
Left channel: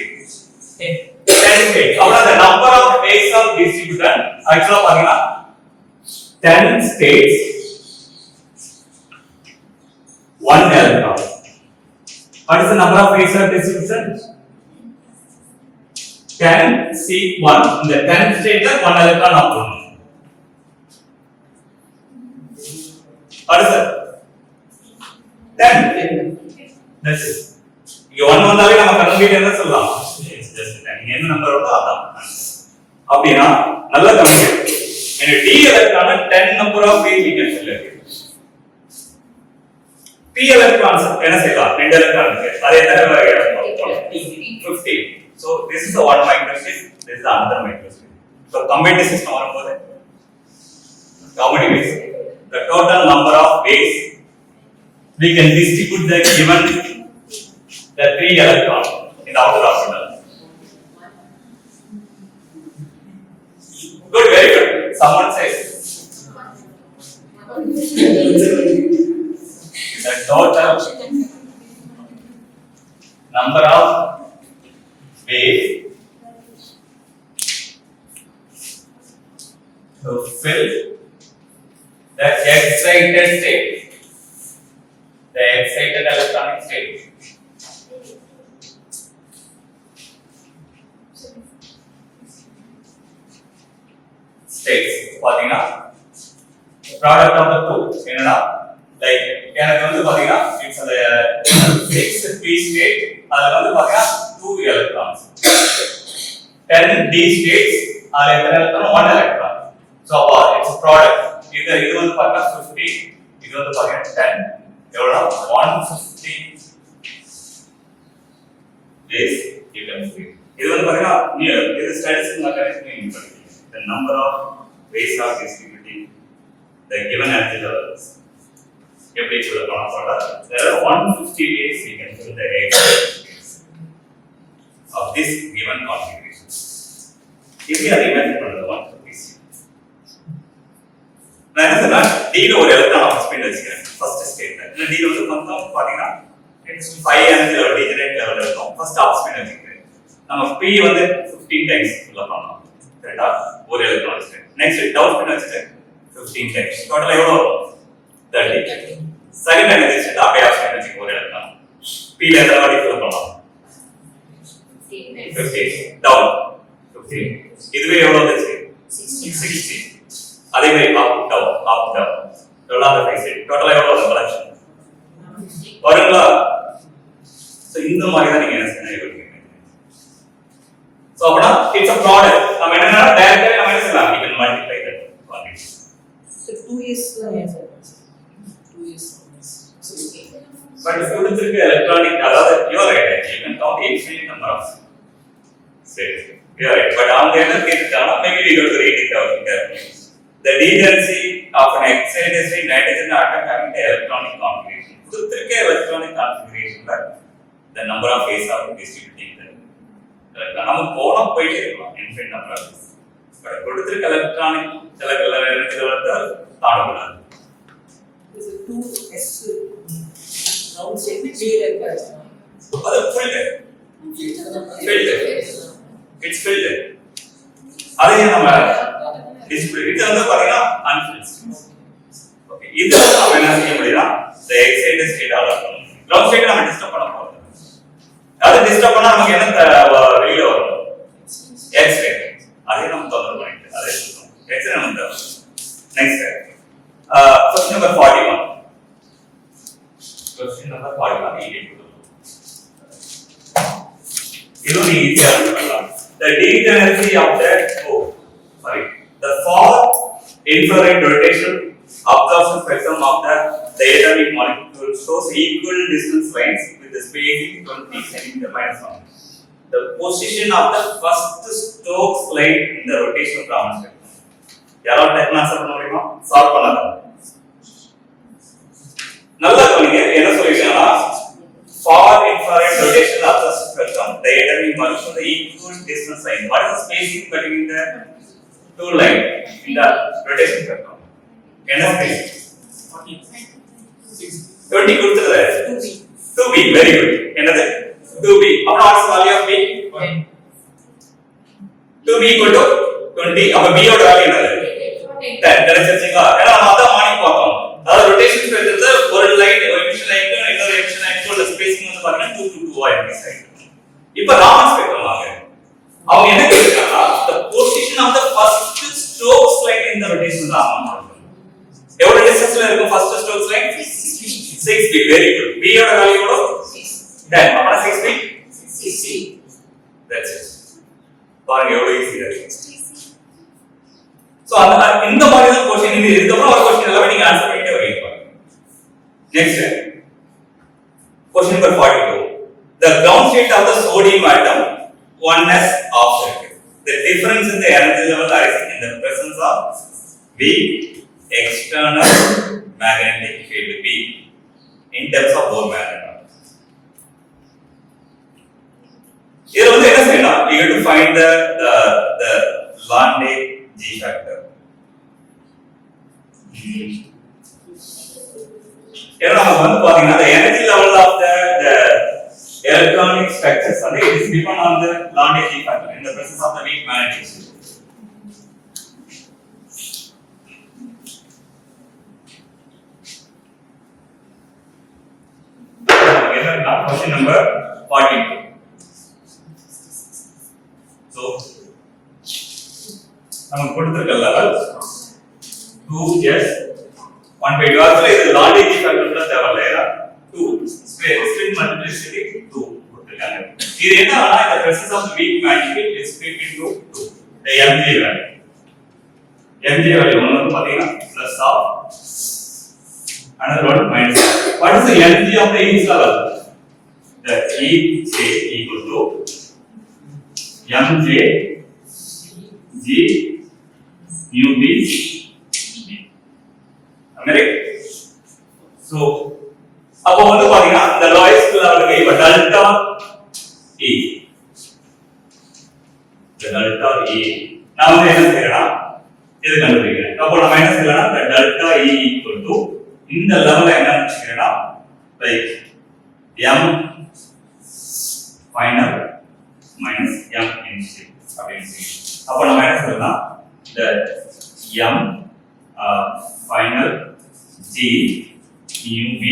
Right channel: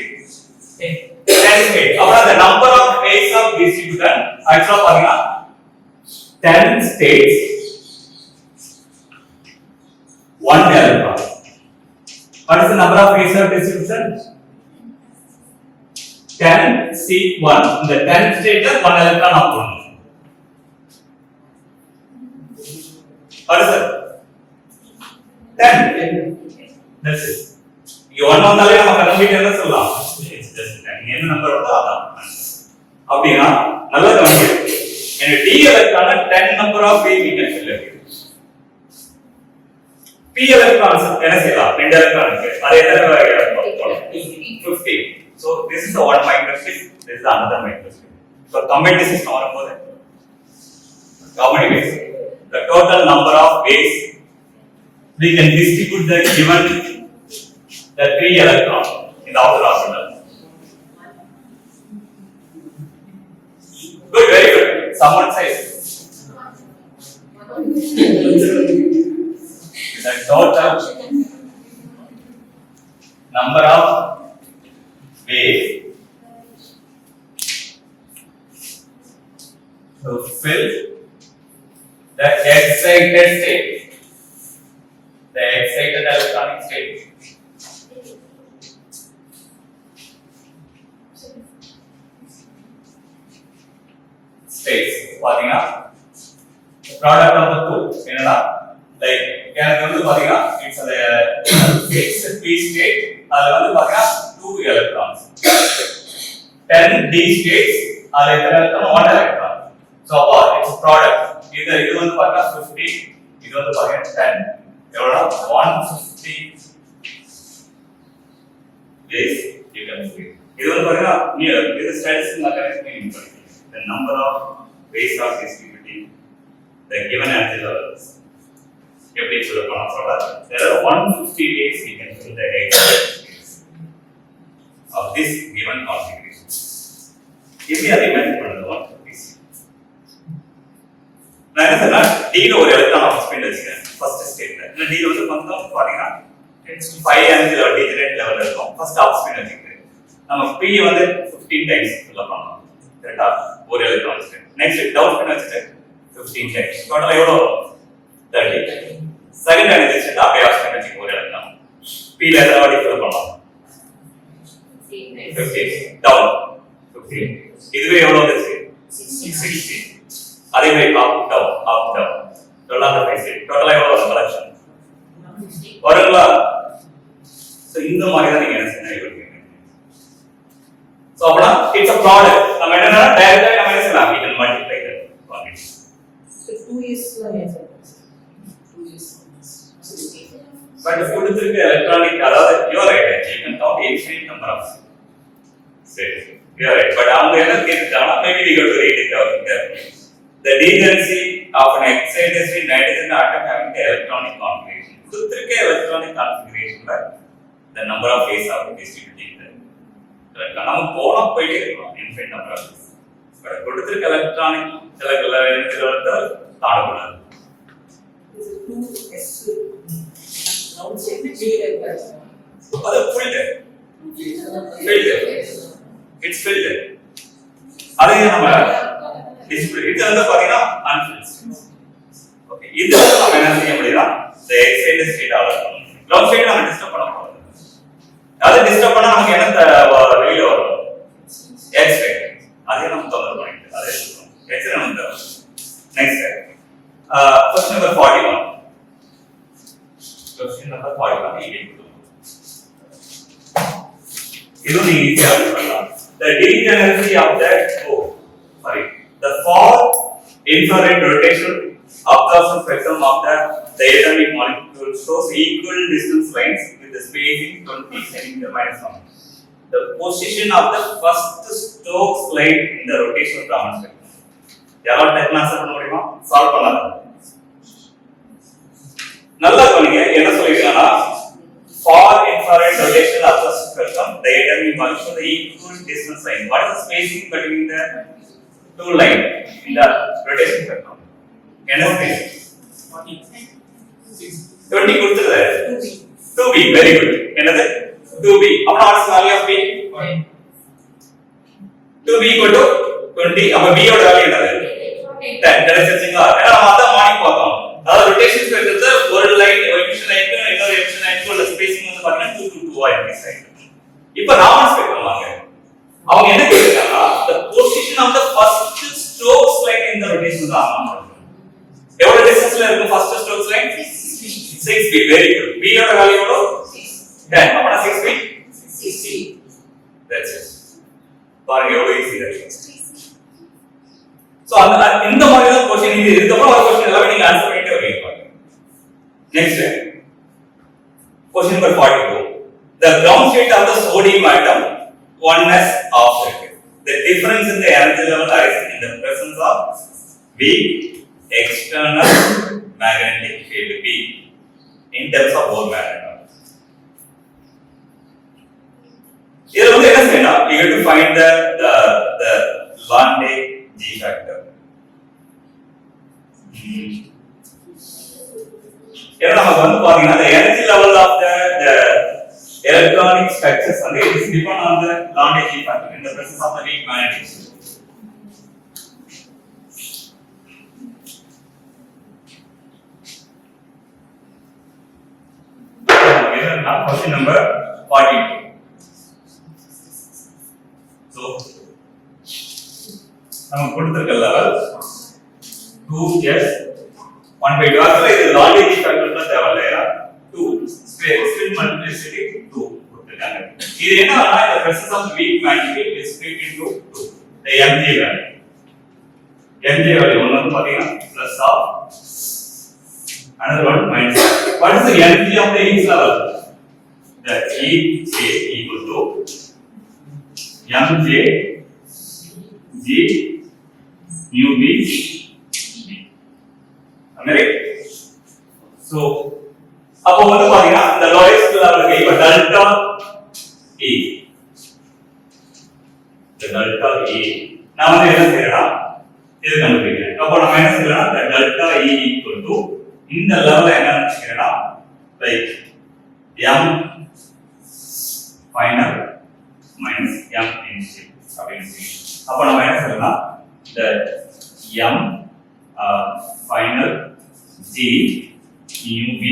10 states. அப்புறம் the number of ways of distribution actually பாத்தீங்கன்னா 10 states, 1 electron. What is the number of ways of distribution? 10 C1. In the 10 state, 1 electron up one. What is that? 10. That's it. You one வந்தாலே நம்ம கன்வீட் என்ன சொல்லலாம்? It's just 10. என்ன நம்பர் வருதோ அதான். அப்படினா நல்ல கன்வீட். எனவே D electron 10 number of ways we can select. P electrons என்ன செய்யலாம்? 2 electron இருக்கு. அது எத்தனை வகையா இருக்கும்? 15. So this is the one microstrip, this is the another microstrip. So combined system வரும்போது how many ways? The total number of ways we can distribute the given the 3 electrons in the outer orbital. Good, very good. Someone says the total number of ways to fill the excited state, the excited electronic state. States பாத்தீங்கன்னா product of the two என்னன்னா like எனக்கு வந்து பாத்தீங்கன்னா it's a fixed p state, அதுல வந்து பாத்தீங்கன்னா 2 electrons. 10 d states, அதுல எத்தனை electron? 1 electron. So it's a product. இது வந்து பாத்தீங்கன்னா 50, இது வந்து பாத்தீங்கன்னா 10. எவ்வளவு? 150 days you can see. இது வந்து பாத்தீங்கன்னா near இது ஸ்டாட்டிஸ்டிக்ஸ் மெக்கானிசம் யூஸ் பண்ணிக்கலாம். The number of ways of distributing the given energy levels. எப்படி சொல்லலாம் சொல்றா? There are 150 ways we can fill the states of this given configuration. இப்படி அதை இமேஜின் பண்ணுங்க 150. நான் என்ன சொன்னா D ல ஒரு எலக்ட்ரான் ஆஃப் ஸ்பின் வச்சுக்கிறேன் ஃபர்ஸ்ட் ஸ்டேட்ல. இல்ல D ல வந்து மொத்தம் பாத்தீங்கன்னா 5 எனர்ஜி லெவல் டிஜெனரேட் லெவல் இருக்கும். ஃபர்ஸ்ட் ஆஃப் ஸ்பின் வச்சுக்கிறேன். நம்ம P வந்து 15 டைம்ஸ் ஃபில் பண்ணலாம். கரெக்ட்டா? ஒரு எலக்ட்ரான் வச்சுக்கிறேன். நெக்ஸ்ட் டவுன் ஸ்பின் வச்சுட்டு 15 டைம்ஸ். டோட்டலா எவ்வளவு வரும்? 30. செகண்ட் எனர்ஜி வச்சுட்டு அப்படியே ஆஃப் ஸ்பின் வச்சுக்க ஒரு எலக்ட்ரான். P ல எவ்வளவு வாட்டி ஃபில் பண்ணலாம்? 15. டவுன் 15. இதுவே எவ்வளவு வந்துச்சு? 60. அதே மாதிரி அப் டவுன் டோட்டலா அந்த ஃபேஸ் டோட்டலா எவ்வளவு கலெக்ஷன் வருங்களா? சோ இந்த மாதிரி தான் நீங்க என்ன செய்யணும். சோ அப்பனா it's a product. நம்ம என்னன்னா டைரக்டா நம்ம என்ன செய்யலாம்? We can multiply that quantity. So 2 is the answer. 2 is. But கொடுத்திருக்க electronic அதாவது you are right. You can count infinite number of states. You are right. But அவங்க என்ன கேட்டுட்டாங்கன்னா maybe we got to read it out carefully. The degeneracy of an excited state nitrogen atom having the electronic configuration. கொடுத்திருக்க electronic configuration the number of ways of distributing that. Correct. நம்ம போயிட்டே இருக்கலாம் infinite number of ways. But கொடுத்திருக்க electronic சில இடத்துல வந்து தாண்டக்கூடாது. Is it 2s round shape filled? அது filled. It's filled. அதே நம்ம டிஸ்ப்ளே இது வந்து பாத்தீங்கன்னா unfilled. ஓகே இது வந்து நம்ம என்ன செய்ய முடியும்னா the excited state ஆல ground state நம்ம டிஸ்டர்ப் பண்ண போறோம். அது டிஸ்டர்ப் பண்ணா நமக்கு என்ன வெளியில வரும்? x-ray. அதே நம்ம தொந்தரவு பண்ணிட்டு அதே சொல்றோம். x-ray வந்து next question number 41. Question number 41 இங்கே கொடுத்துருக்கோம். இது நீ ஈஸியா பண்ணலாம். The degeneracy of the far infrared rotation absorption spectrum of the diatomic molecule shows equal distance lines with the spacing 20 cm minus 1. The position of the first Stokes line in the rotation Raman spectrum. யாராவது டெக்னா ஆன்சர் பண்ண முடியுமா? சால்வ் பண்ணாத. நல்லா கவனிங்க என்ன சொல்லிருக்கானா far infrared rotation of the spectrum diatomic molecule the equal distance line. What is the spacing between the two line in the rotation spectrum? என்ன spacing? 20 கொடுத்துருது 2b very good. என்னது 2b அப்ப what is value of b? 2b equal to 20 அப்ப b ஓட வேல்யூ என்னது 10 கிடைச்சிருச்சுங்களா? ஏன்னா நம்ம அதான் மார்னிங் பார்த்தோம். அதாவது ரொட்டேஷன் ஸ்பெக்ட்ரம்ல ஒரு லைன் ஒரு எமிஷன் லைனுக்கு இன்னொரு எமிஷன் லைனுக்கு உள்ள ஸ்பேசிங் வந்து பாத்தீங்கன்னா 2 to 2 ஆ இன்க்ரீஸ் ஆயிருக்கு. இப்போ ராமன் ஸ்பெக்ட்ரம் வாங்க. அவங்க என்ன கேக்குறாங்கன்னா the position of the first Stokes line in the rotation Raman ஸ்பெக்ட்ரம். எவ்வளவு டிஸ்டன்ஸ்ல இருக்கு first Stokes line? 6b very good. b ஓட வேல்யூ எவ்வளவு? 10. அப்பனா 6b 60. That's it. பாருங்க எவ்வளவு ஈஸியா இருக்கு. சோ இந்த மாதிரி தான் क्वेश्चन இது இதுக்கு அப்புறம் ஒரு क्वेश्चन எல்லாமே நீங்க ஆன்சர் பண்ணிட்டே வரீங்க பாருங்க. Next question number 42. The ground state of the sodium atom 1s offset. The difference in the energy level arising in the presence of weak external magnetic field B in terms of Bohr magnet. இதுல வந்து என்ன செய்யணும்? You have to find the Landé G factor. ஏன்னா நமக்கு வந்து பாத்தீங்கன்னா the energy level of the electronic structures and it is depend on the Landé G factor in the presence of the weak magnetic field. என்னன்னா question number 42. So நம்ம கொடுத்திருக்க level 2s 1/2 ஆக்சுவலா இது லாண்டே ஜி ஃபேக்டர்ல தேவையில்ல ஏன்னா 2 ஸ்பின் மல்டிப்ளிசிட்டி 2 கொடுத்திருக்காங்க. இது என்னன்னா இந்த presence of weak magnetic is split into 2 the mg value ஒன்னு வந்து பாத்தீங்கன்னா plus of another one minus of. What is the mg of the each level? The ej equal to mj g mu b correct. So அப்போ வந்து பாத்தீங்கன்னா இந்த lowest லெவலுக்கு இப்ப delta e delta e நான் வந்து என்ன செய்யறேன்னா இது கண்டுபிடிக்கிறேன். அப்போ நம்ம என்ன செய்யலாம் the delta e equal to இந்த லெவல்ல என்ன நினைக்கிறேன்னா like m final minus m initial அப்படின்னு அப்ப நம்ம என்ன சொல்லலாம் the m final g mu b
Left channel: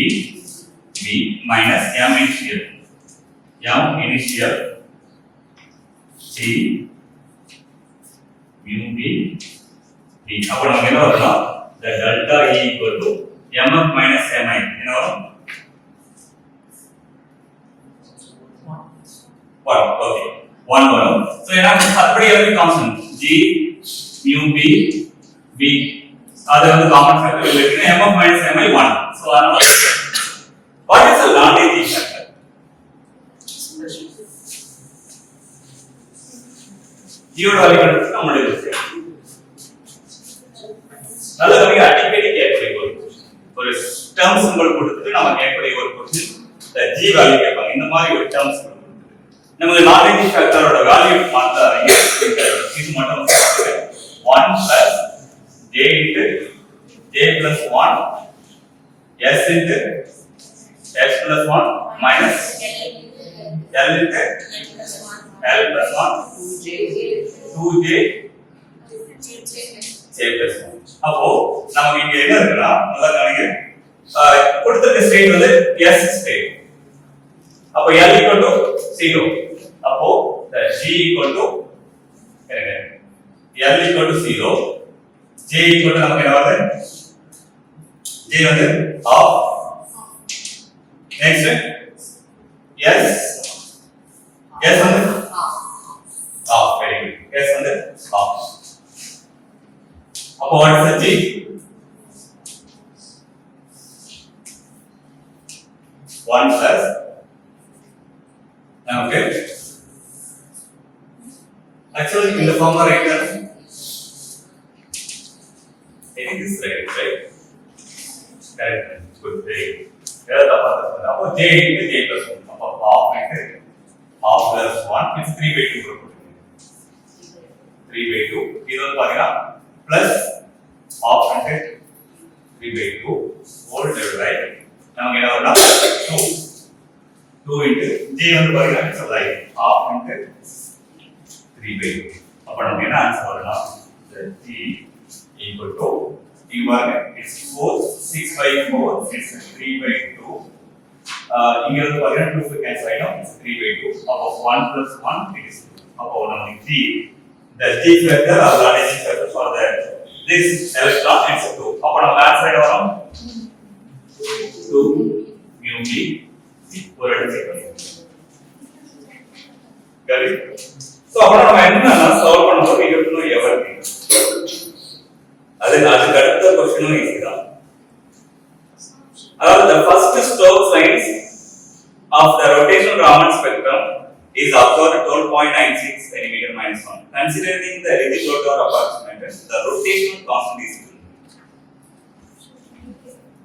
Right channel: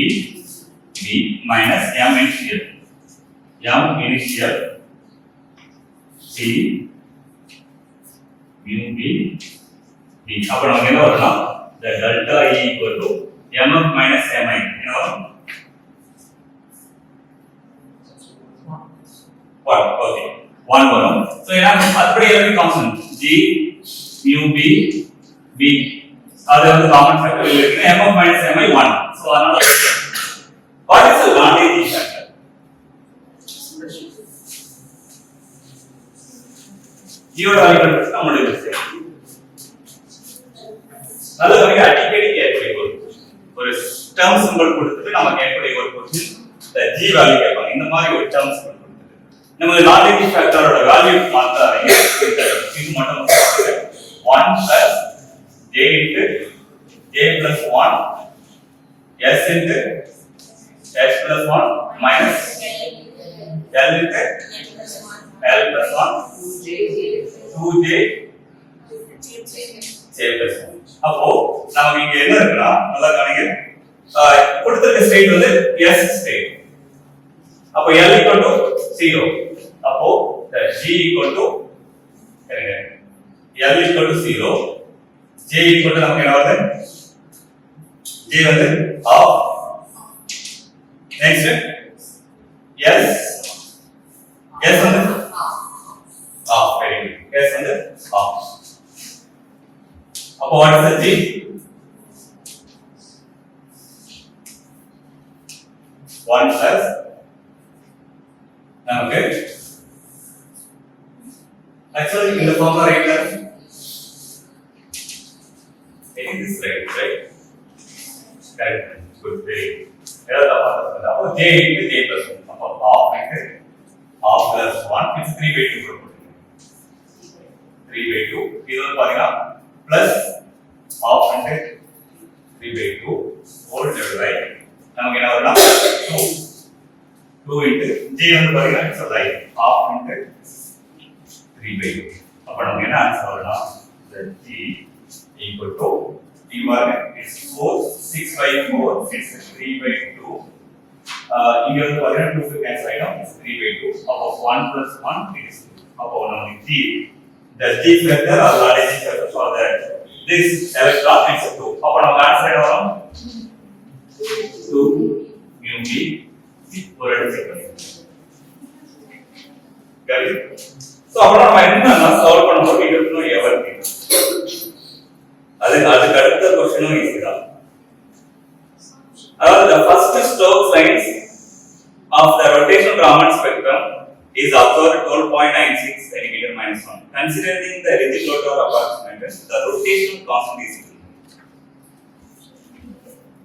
b minus m initial g mu b b அப்ப நமக்கு என்ன வரும்னா the delta e equal to mf minus mi என்ன வரும் what okay 1 வரும். So என்ன அப்படி எல்லாமே constant g mu b b அது வந்து காமன் ஃபேக்டர் இல்லைன்னா m of minus mi 1 சோ அதனால what is the non-negative factor g ஓட வேல்யூ கண்டுபிடிச்சு நம்ம எடுக்கலாம் நல்ல கவனிங்க அடிக்கடி கேட்கக்கூடிய ஒரு டேர்ம் சிம்பல் கொடுத்துட்டு நம்ம கேட்கக்கூடிய ஒரு क्वेश्चन the g வேல்யூ கேட்பாங்க இந்த மாதிரி ஒரு டேர்ம் சிம்பல் கொடுத்துட்டு நமக்கு non-negative factorோட வேல்யூ மாத்தாதீங்க இது மட்டும் 1 plus j into j plus 1 s into s plus 1 minus l into l plus 1 2j j plus 1 அப்போ நமக்கு இங்க என்ன இருக்குன்னா நல்லா கவனிங்க கொடுத்திருக்க ஸ்டேட் வந்து s ஸ்டேட் அப்போ l equal to 0 அப்போ g equal to l equal to 0 j equal to நமக்கு என்ன வருது j வந்து half next s s வந்து half very good s வந்து half அப்போ what is the g one plus okay actually in the form right there I think this right correct good very ஏதாவது தப்பா அப்போ j into j plus 1 அப்போ half into half plus 1 is 3/2 3/2 இது வந்து பாத்தீங்கன்னா plus half into 3/2 whole divided by நமக்கு என்ன வரும்னா 2 into j வந்து பாத்தீங்கன்னா it's like half into 3/2 அப்ப நமக்கு என்ன ஆன்சர் வரும்னா the g equal to it's 6/4 it's 3/2 இங்க வந்து பாத்தீங்கன்னா 2 cancel ஆயிடும் it's 3/2 அப்போ 1 plus 1 is 2 அப்போ நமக்கு g the g factor or the g factor for the this electron is 2 அப்போ நமக்கு ஆன்சர் என்ன வரும் 2 mu b ஒரு இடத்துல செக் பண்ணிக்கலாம் got it சோ அப்ப நம்ம என்ன சால்வ் பண்ணும்போது இங்க இருந்து எவருக்கு அதுக்கு அடுத்த क्वेश्चनும் இதுதான் அதாவது the first Stokes lines of the rotational Raman spectrum is observed at 12.96 cm minus 1 considering the Ritchie-Lodore approximation the rotational constant is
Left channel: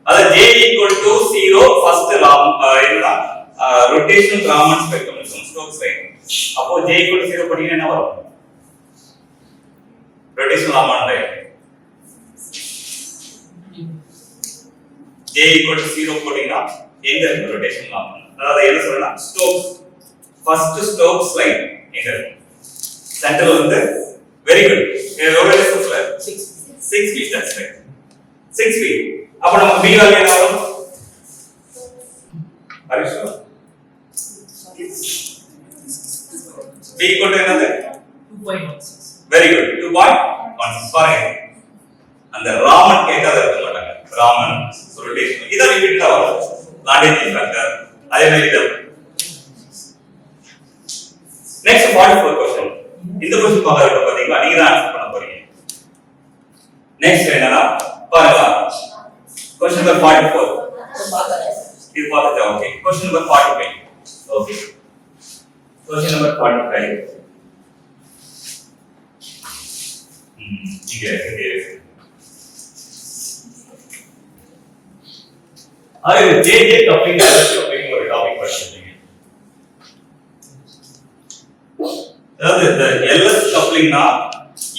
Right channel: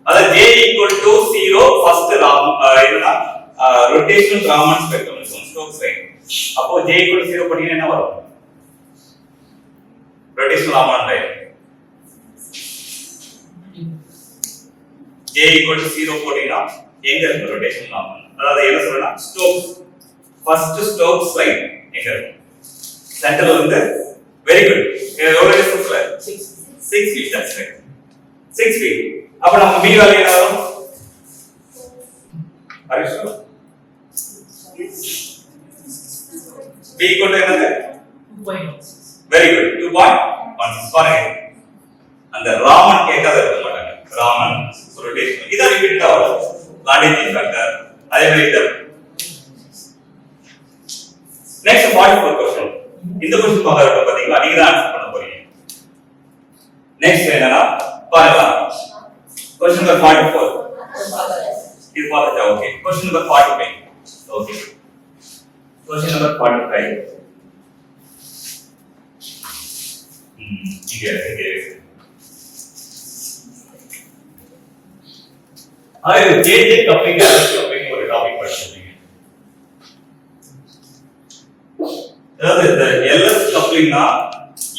அது j equal to 0 first என்னன்னா rotational Raman spectrum இருக்கும் Stokes line அப்போ j equal to 0 போட்டீங்கன்னா என்ன வரும் rotational Raman line j equal to 0 போட்டீங்கன்னா எங்க இருக்கு rotational Raman அதாவது என்ன சொல்றேன்னா Stokes first Stokes line எங்க இருக்கு சென்டர்ல வந்து very good எவ்வளவு டிஸ்டன்ஸ்ல 6 feet that's right 6 feet அப்ப நமக்கு b வேல்யூ என்ன வரும் ஹரிஷ் b equal to என்னது 2.16 very good 2.16 பாருங்க அந்த ராமன் கேட்காத இருக்க மாட்டாங்க ராமன் ரொட்டேஷன் இத ரிப்பீட் ஆகும் லாண்டிட்டி ஃபேக்டர் அதே மாதிரி இது நெக்ஸ்ட் 44 क्वेश्चन இந்த क्वेश्चन பார்க்கறது பாத்தீங்கன்னா நீங்க தான் ஆன்சர் பண்ண போறீங்க நெக்ஸ்ட் என்னன்னா பாருங்க क्वेश्चन नंबर 44 இது பார்த்தா okay question number 45 okay question number 45 இங்க அது JJ கப்ளிங் கப்ளிங் ஒரு டாபிக் படிச்சிருக்கீங்க அதாவது இந்த LS கப்ளிங்னா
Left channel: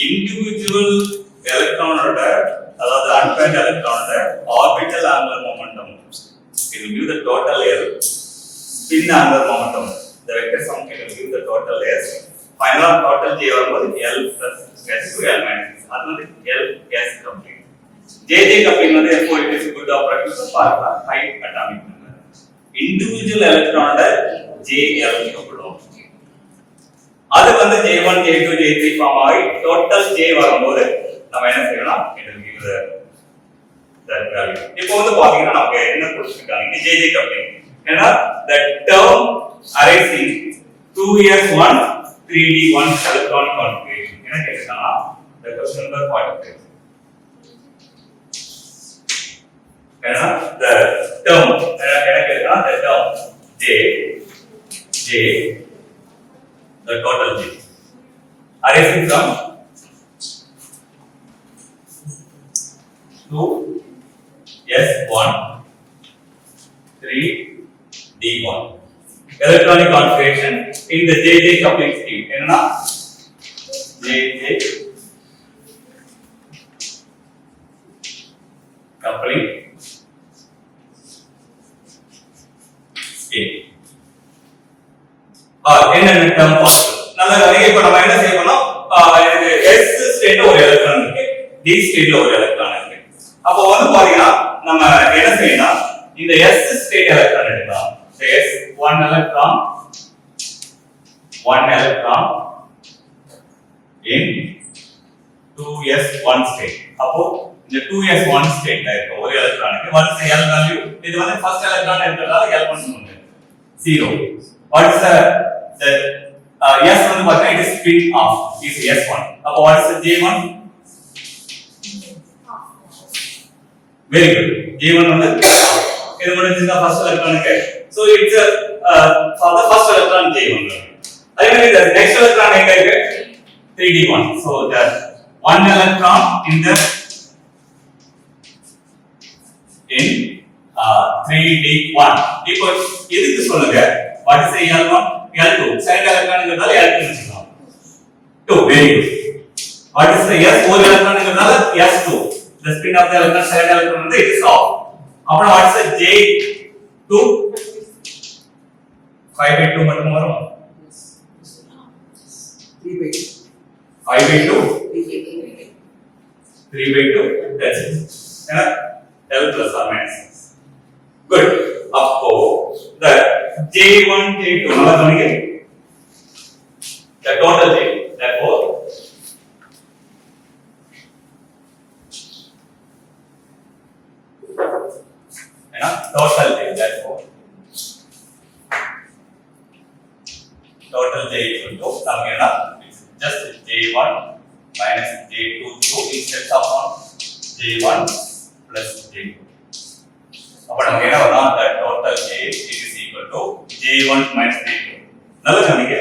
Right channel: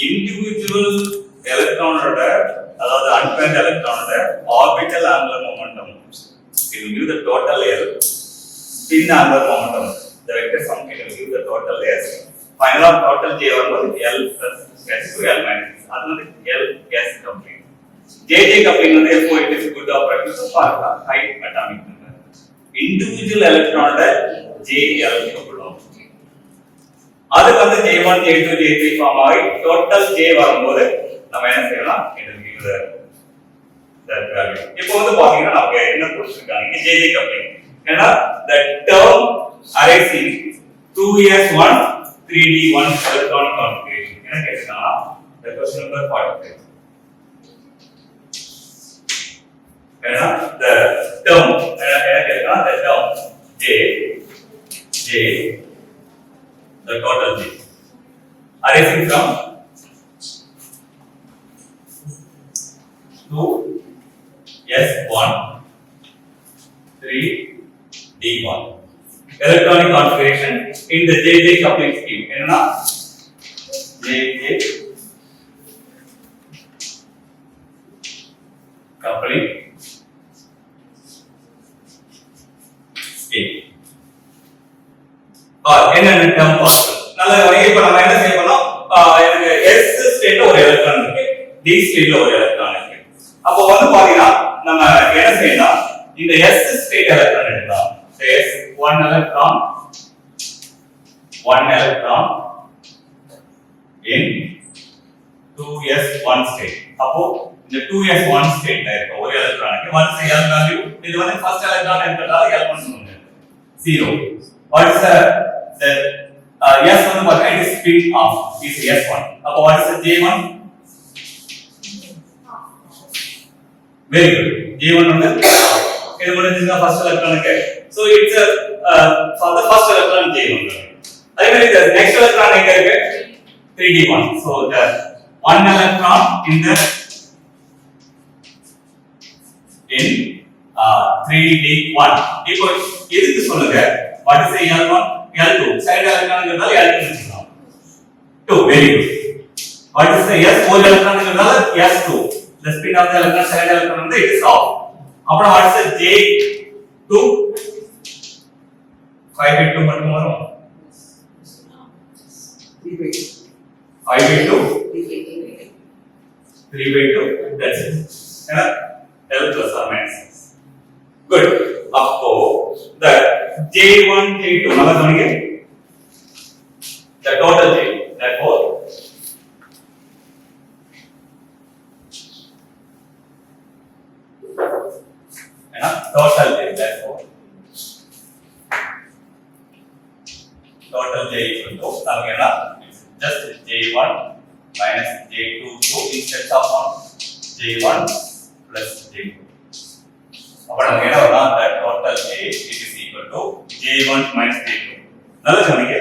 இண்டிவிஜுவல் எலக்ட்ரானோட அதாவது அன்பேண்ட் எலக்ட்ரானோட orbital angular momentum it will give the total L spin angular momentum the vector sum can give the total S final total J வரும்போது L plus S to L minus அது வந்து L S coupling JJ coupling வந்து எப்போ it is good operator for high atomic number individual electron JL கப்பலும் அது வந்து J1 J2 J3 form ஆகி total J வரும்போது நம்ம என்ன செய்யலாம் it will give the that value இப்போ வந்து பாத்தீங்கன்னா நமக்கு என்ன கொடுத்திருக்காங்க JJ coupling ஏன்னா the term arising 2s1 3D1 electronic configuration. என்ன கேக்குறாங்க? The question number 45. The term என்ன கேக்குறாங்க? The term J the total J arising from 2S1 3D1 electronic configuration in the JJ coupling scheme. என்னன்னா JJ coupling scheme. என்னென்ன டேர்ம் பார்க்கணும். நல்ல வேலை. இப்போ நம்ம என்ன செய்யணும்? எனக்கு S ஸ்டேட்ல ஒரு எலக்ட்ரான் இருக்கு, D ஸ்டேட்ல ஒரு எலக்ட்ரான் இருக்கு. அப்போ வந்து பாத்தீங்கன்னா நம்ம என்ன செய்யணும்? இந்த S ஸ்டேட் எலக்ட்ரான் எடுக்கலாம். S one electron in 2s1 state. அப்போ இந்த 2s1 ஸ்டேட்ல இருக்க ஒரு எலக்ட்ரானுக்கு once L value இது வந்து ஃபர்ஸ்ட் எலக்ட்ரான் இருக்கிறதால L பண்ணுங்க 0. What is the S வந்து பாத்தீங்கன்னா it is spin off is S1. அப்போ what is the J1? Very good. J1 வந்து இது முடிஞ்சா ஃபர்ஸ்ட் எலக்ட்ரானுக்கு. So it's for the first electron J1. அதே மாதிரி the next electron எங்க இருக்கு? 3D1. So the one electron in 3D1. இப்போ எதுக்கு சொல்லுங்க? What is the L1? L2. Side electronங்கிறதால L2 வெச்சுக்கலாம். 2. Very good. What is the S? Four electronங்கிறதால S2. The spin of the electron side electron வந்து it is off. அப்புறம் what is the J2? 5/2 மட்டும் வரும். 5/2 3/2 that's it. L plus or minus 6. Good. அப்போ the J1 J2 நல்லா கவனிங்க. The total J therefore total J therefore total J equal to நமக்கு என்ன just J1 minus J2 instead of J1 plus J2. அப்ப நமக்கு என்ன வரும்? the total J is equal to J1 minus J2. நல்லா கவனிங்க.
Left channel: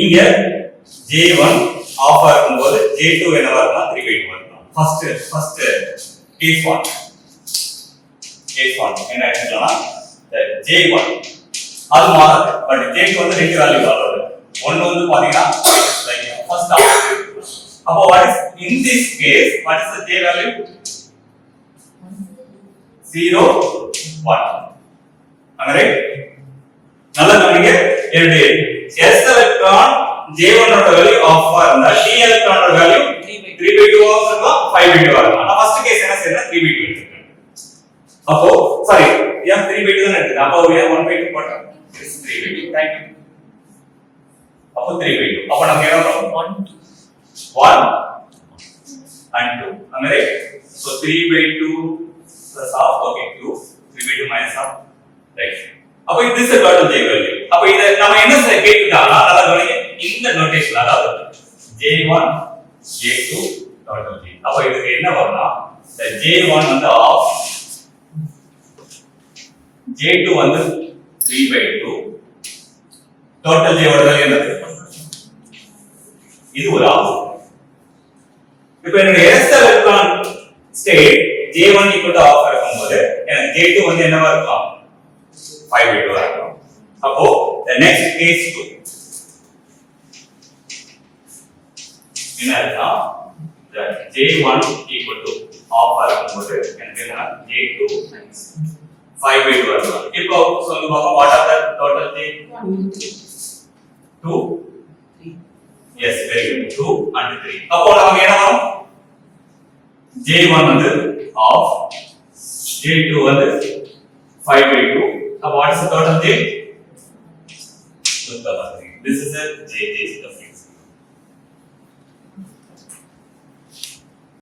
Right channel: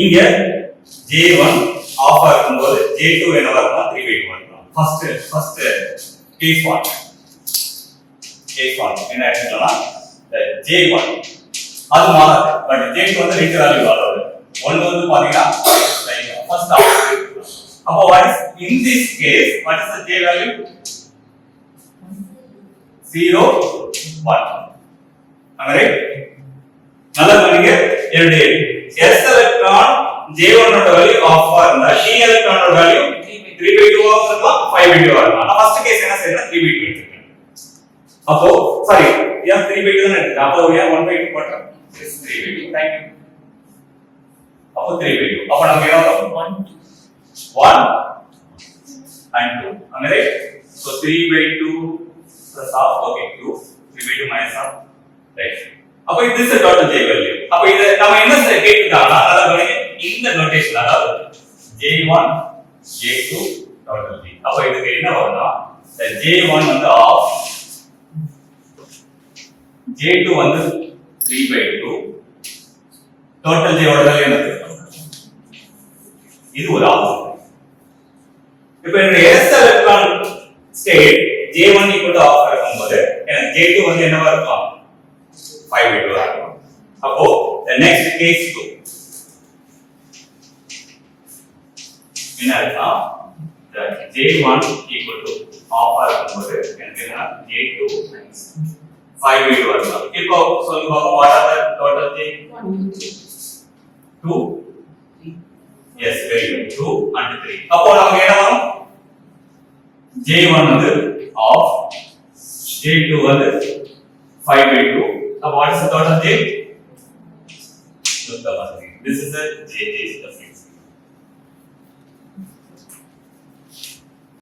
இங்க J1 ஆஃப் ஆகும்போது J2 என்னவா இருக்கும்? 3/2 இருக்கும். ஃபர்ஸ்ட் கேஸ் 1 என்ன எடுத்துக்கலாம்னா J1 அது மாறாது. பட் J2 வந்து ரெண்டு வேல்யூ வராது. ஒன்னு வந்து பாத்தீங்கன்னா ஃபர்ஸ்ட் ஆஃப். அப்போ what is in this case what is the J value? 0 1. am I right? நல்லா கவனிங்க. எப்படி S எலக்ட்ரான் J1 ஓட வேல்யூ ஆஃப் இருந்தா D எலக்ட்ரான் ஓட வேல்யூ 3/2 ஆஃப் இருக்கலாம் 5/2 வரலாம். நான் ஃபர்ஸ்ட் கேஸ் என்ன செய்யணும்? 3/2 எடுத்துக்கிறேன். அப்போ சாரி ஏன் 3/2 தான் எடுத்துக்கிறேன். அப்போ ஏன் 1/2 போட்டேன்? 3/2. thank you. அப்போ 3/2. அப்போ நமக்கு என்ன வரும்? 1 and 2. am I right? so 3/2 plus half. okay 2 3/2 minus half. right. அப்போ this is the total J value. அப்போ இத நாம என்ன கேட்கறாங்க? அத கவனிங்க. இந்த நோட்டேஷன் அதாவது J1 J2 total J. அப்போ இதுக்கு என்ன வரும்னா the J1 வந்து ஆஃப் J2 வந்து 3/2 total J ஓட வேல்யூ என்னது? இது ஒரு ஆஃப். இப்போ என்னோட S electron state J1 equal to half இருக்கும்போது எனக்கு J2 வந்து என்னவா இருக்கும்? 5/2 ஆகும். அப்போ the next case 2 என்ன ஆகும்? the J1 equal to half இருக்கும்போது எனக்கு என்ன? J2 5/2 வரும். இப்போ சொல்லுங்க பாப்போம் what are the total J? 2 yes very good 2 and 3. அப்போ நமக்கு என்ன வரும்? J1 வந்து ஆஃப் J2 வந்து 5/2. so what is the total J? This is the J is the